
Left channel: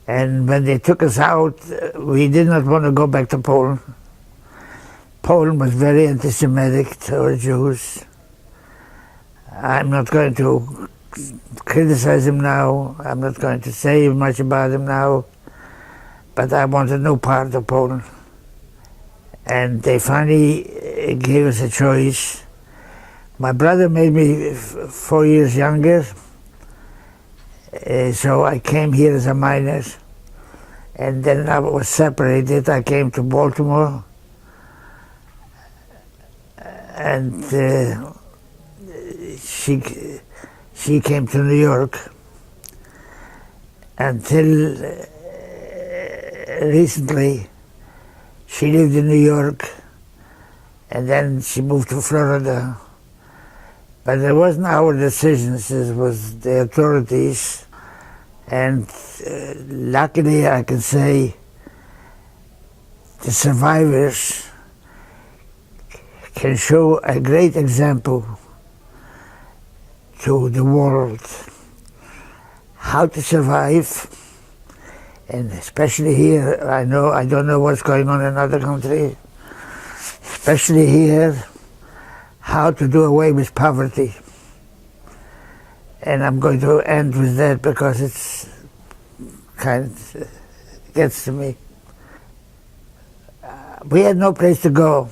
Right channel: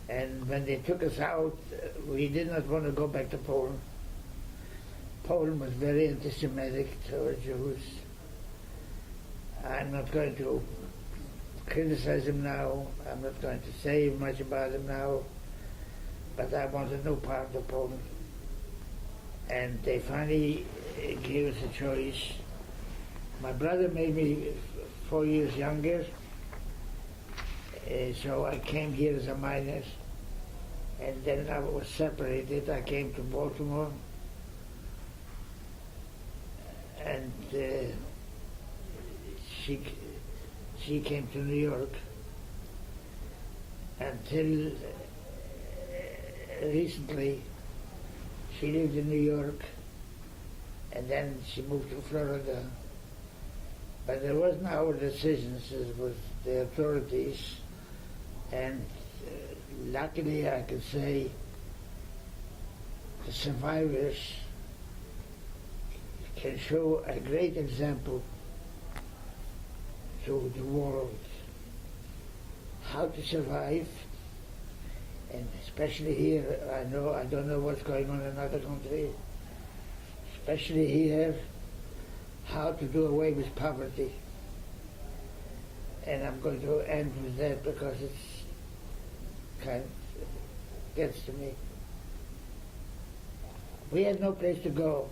And when they took us out, we did not want to go back to Poland. Poland was very anti-Semitic toward Jews. I'm not going to criticize him now. I'm not going to say much about him now. But I wanted no part of Poland. And they finally gave us a choice. My brother made me 4 years younger, so I came here as a minor. And then I was separated. I came to Baltimore. And she came to New York until recently. She lived in New York, and then she moved to Florida. But it wasn't our decisions, it was the authorities. And luckily, I can say the survivors can show a great example to the world how to survive. And especially here, I don't know what's going on in other countries, especially here, how to do away with poverty. And I'm going to end with that because it's kind of gets to me. We had no place to go.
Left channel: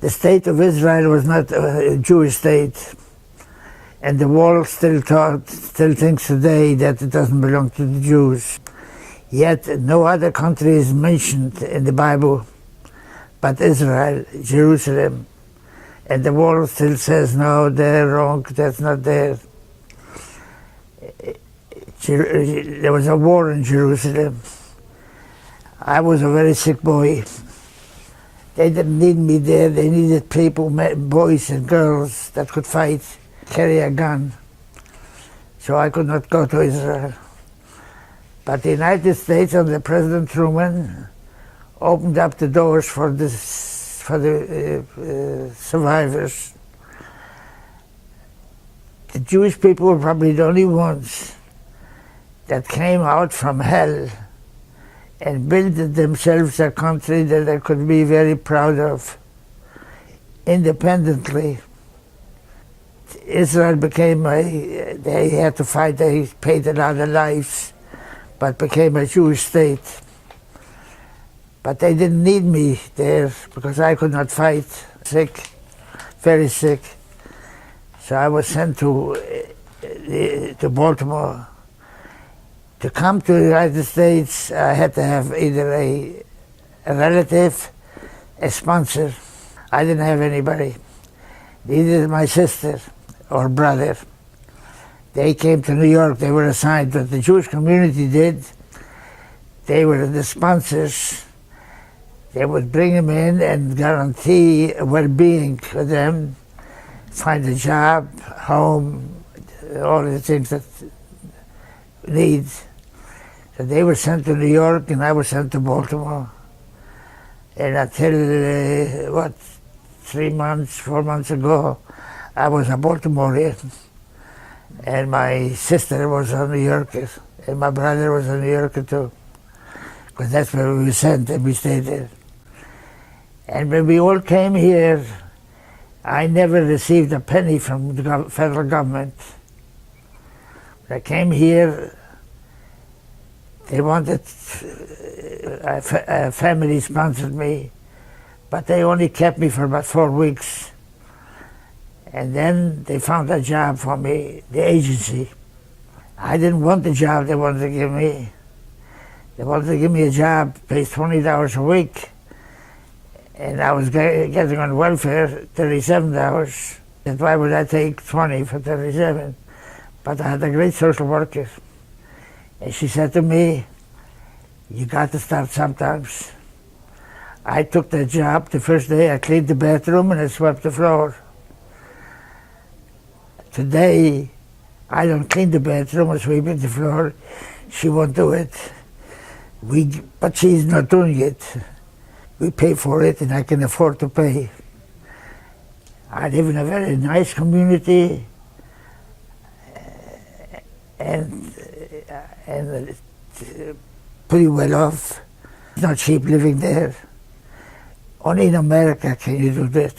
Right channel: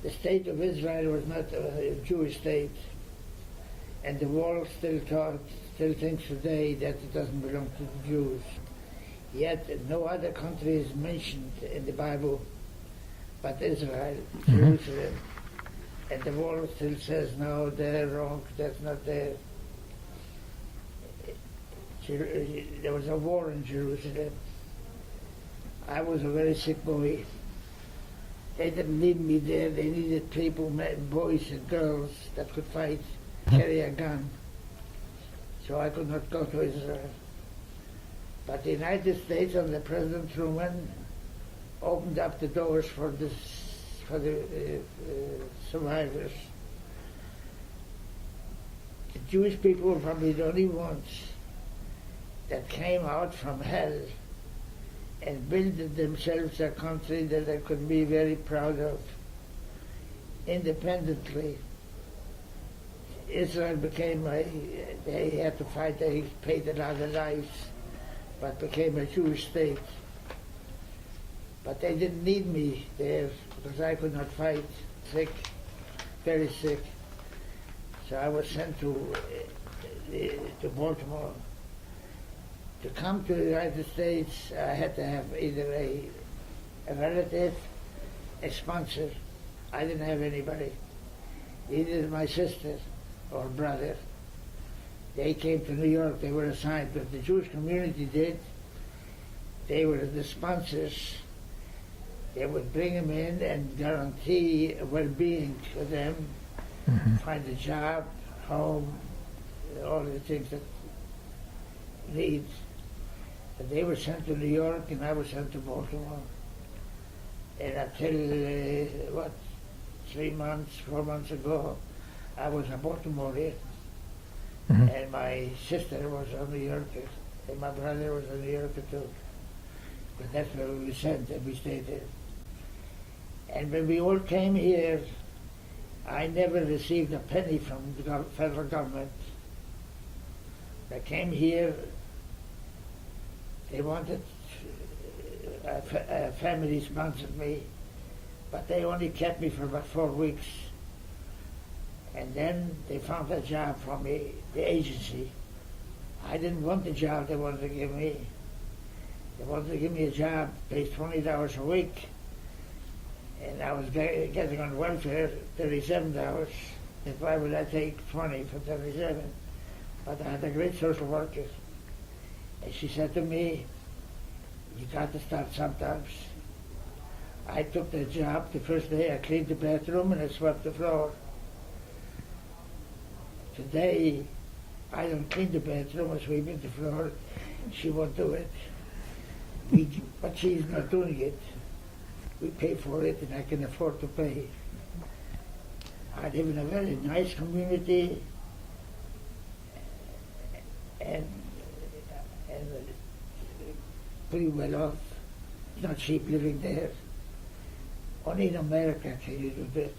The state of Israel was not a Jewish state, and the world still thinks today that it doesn't belong to the Jews. Yet no other country is mentioned in the Bible but Israel, Jerusalem. And the world still says, no, they're wrong, that's not there. There was a war in Jerusalem. I was a very sick boy. They didn't need me there, they needed people, boys and girls that could fight, carry a gun. So I could not go to Israel. But the United States under President Truman opened up the doors for the survivors. The Jewish people were probably the only ones that came out from hell and built themselves a country that they could be very proud of, independently, Israel became they had to fight, they paid a lot of lives, but became a Jewish state. But they didn't need me there because I could not fight, sick, very sick. So I was sent to Baltimore. To come to the United States, I had to have either a relative, a sponsor. I didn't have anybody. Neither my sister or brother. They came to New York, they were assigned, what the Jewish community did, they were the sponsors. They would bring them in and guarantee well-being for them, find a job, home, all the things that need. So they were sent to New York and I was sent to Baltimore. And until, 3 months, 4 months ago, I was a Baltimorean. And my sister was a New Yorker, and my brother was a New Yorker too. Because that's where we were sent and we stayed there. And when we all came here, I never received a penny from the federal government. When I came here, they wanted, a family sponsored me, but they only kept me for about 4 weeks. And then they found a job for me, the agency. I didn't want the job they wanted to give me. They wanted to give me a job, pays $20 a week. And I was getting on welfare $37. And why would I take 20 for 37? But I had a great social worker. And she said to me, you got to start sometimes. I took that job. The first day I cleaned the bathroom and I swept the floor. Today, I don't clean the bathroom or sweep the floor. She won't do it. But she's not doing it. We pay for it and I can afford to pay. I live in a very nice community and pretty well off. It's not cheap living there. Only in America can you do that.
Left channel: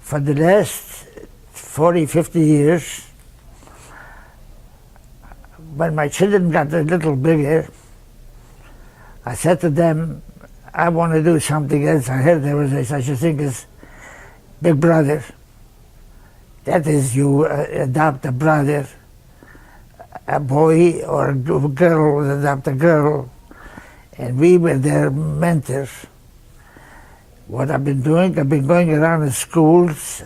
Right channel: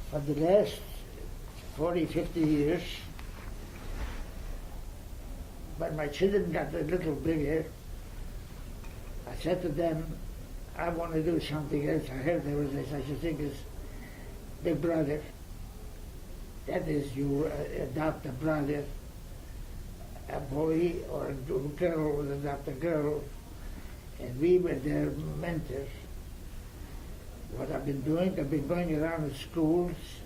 For the last 40, 50 years, when my children got a little bigger, I said to them, I want to do something else. I heard there was such a thing as Big Brother. That is, you adopt a brother, a boy or a girl would adopt a girl, and we were their mentors. What I've been doing, I've been going around the schools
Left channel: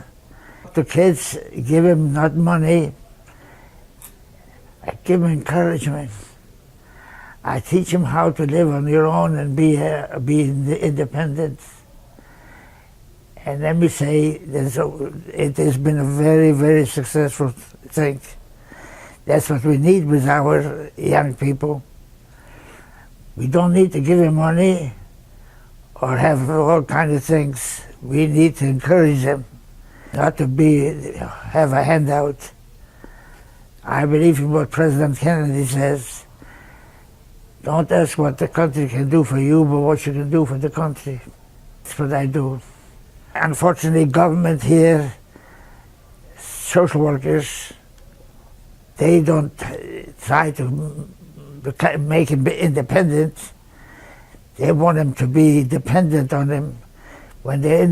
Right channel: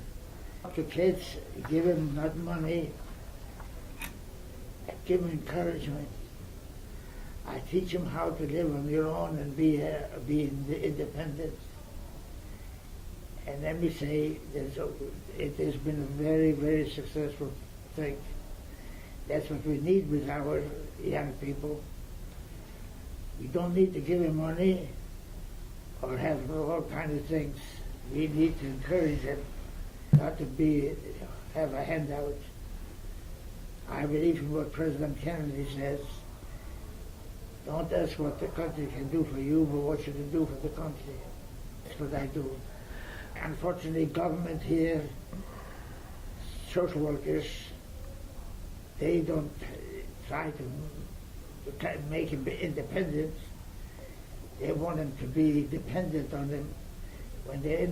to kids, give them not money, I give them encouragement. I teach them how to live on your own and be independent. And let me say, it has been a very, very successful thing. That's what we need with our young people. We don't need to give them money or have all kinds of things. We need to encourage them, not to have a handout. I believe in what President Kennedy says. Don't ask what the country can do for you, but what you can do for the country. That's what I do. Unfortunately, government here, social workers, they don't try to make them independent. They want them to be dependent on them. When they're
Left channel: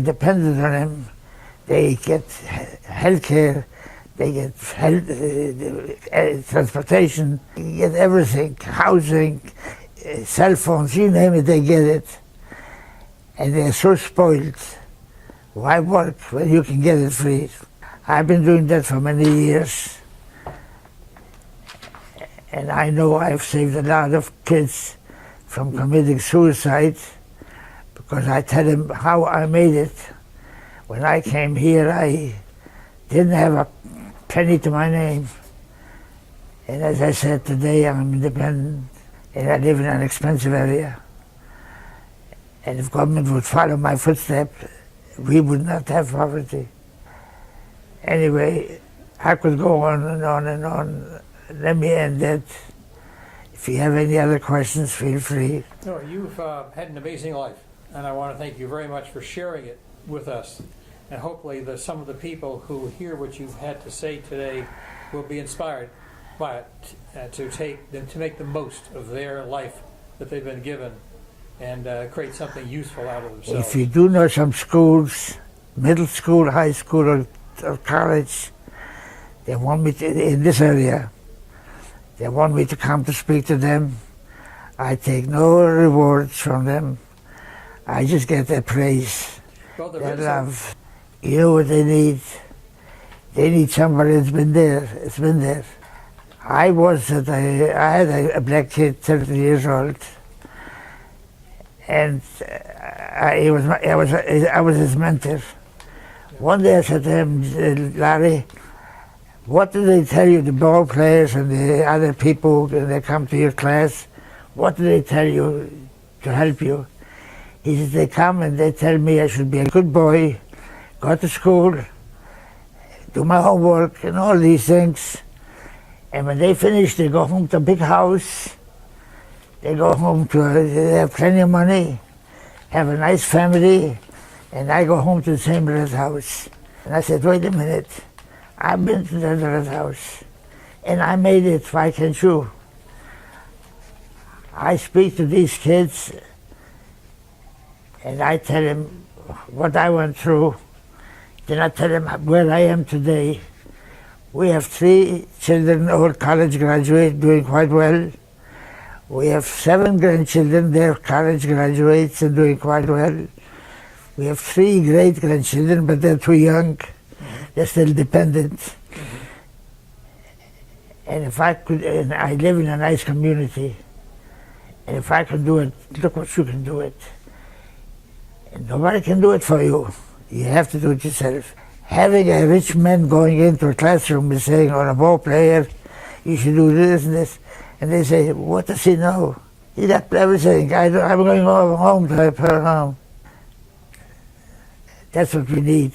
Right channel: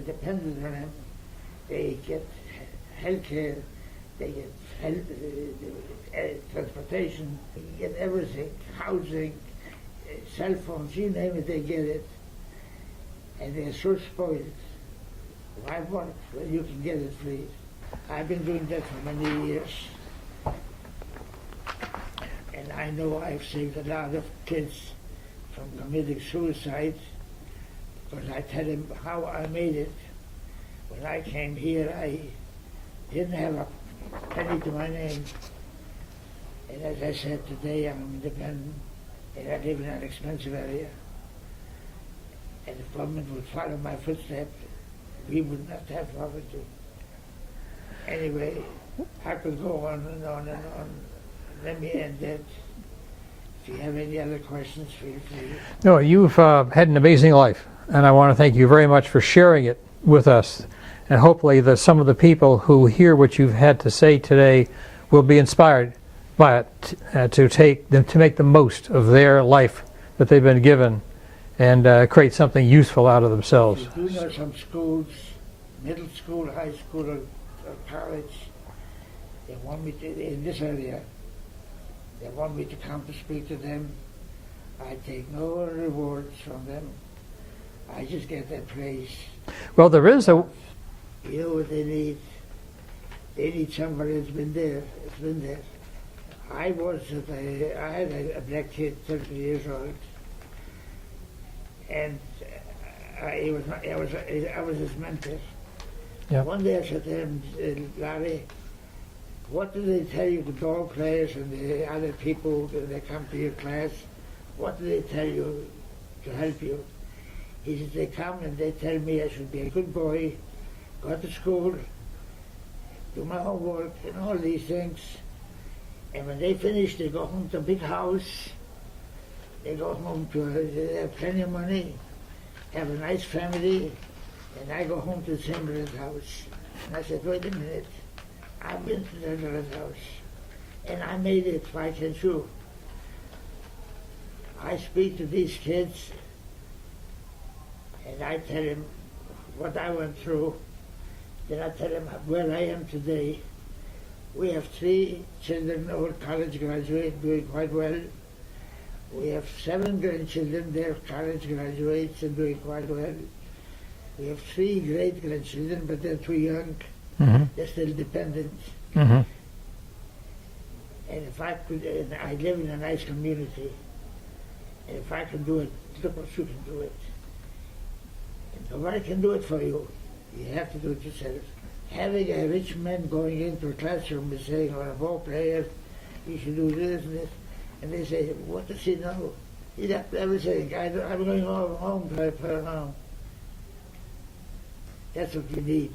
dependent on them, they get health care, they get transportation, they get everything, housing, cell phones, you name it, they get it. And they're so spoiled. Why work when you can get it free? I've been doing that for many years. And I know I've saved a lot of kids from committing suicide because I tell them how I made it. When I came here, I didn't have a penny to my name. And as I said, today I'm independent and I live in an expensive area. And if government would follow my footsteps, we would not have poverty. Anyway, I could go on and on and on. Let me end it. If you have any other questions, feel free. No, you've had an amazing life, and I want to thank you very much for sharing it with us. And hopefully that some of the people who hear what you've had to say today will be inspired by it, to make the most of their life that they've been given and create something useful out of themselves. If you do know some schools, middle school, high school, or college, they want me to, in this area, they want me to come to speak to them. I take no rewards from them. I just get their praise. Well, there is love. You know what they need? They need somebody that's been there. It's been there. I had a black kid, 30 years old, and I was his mentor. Yep. One day I said to him, Larry, what do they tell you, the ball players and the other people, when they come to your class? What do they tell you to help you? He says, they come and they tell me I should be a good boy, go to school, do my homework and all these things. And when they finish, they go home to a big house. They go home they have plenty of money, have a nice family, and I go home to the same little house. And I said, wait a minute, I've been to that little house, and I made it, why can't you? I speak to these kids, and I tell them what I went through. Then I tell them where I am today. We have 3 children, all college graduates, doing quite well. We have 7 grandchildren, they're college graduates and doing quite well. We have 3 great-grandchildren, but they're too young. Mm-hmm. They're still dependent. Mm-hmm. And if I could, and I live in a nice community, and if I can do it, look what you can do it. And nobody can do it for you. You have to do it yourself. Having a rich man going into a classroom and saying, or a ball player, you should do this and this, and they say, what does he know? He got everything. I'm going home to her home. That's what we need.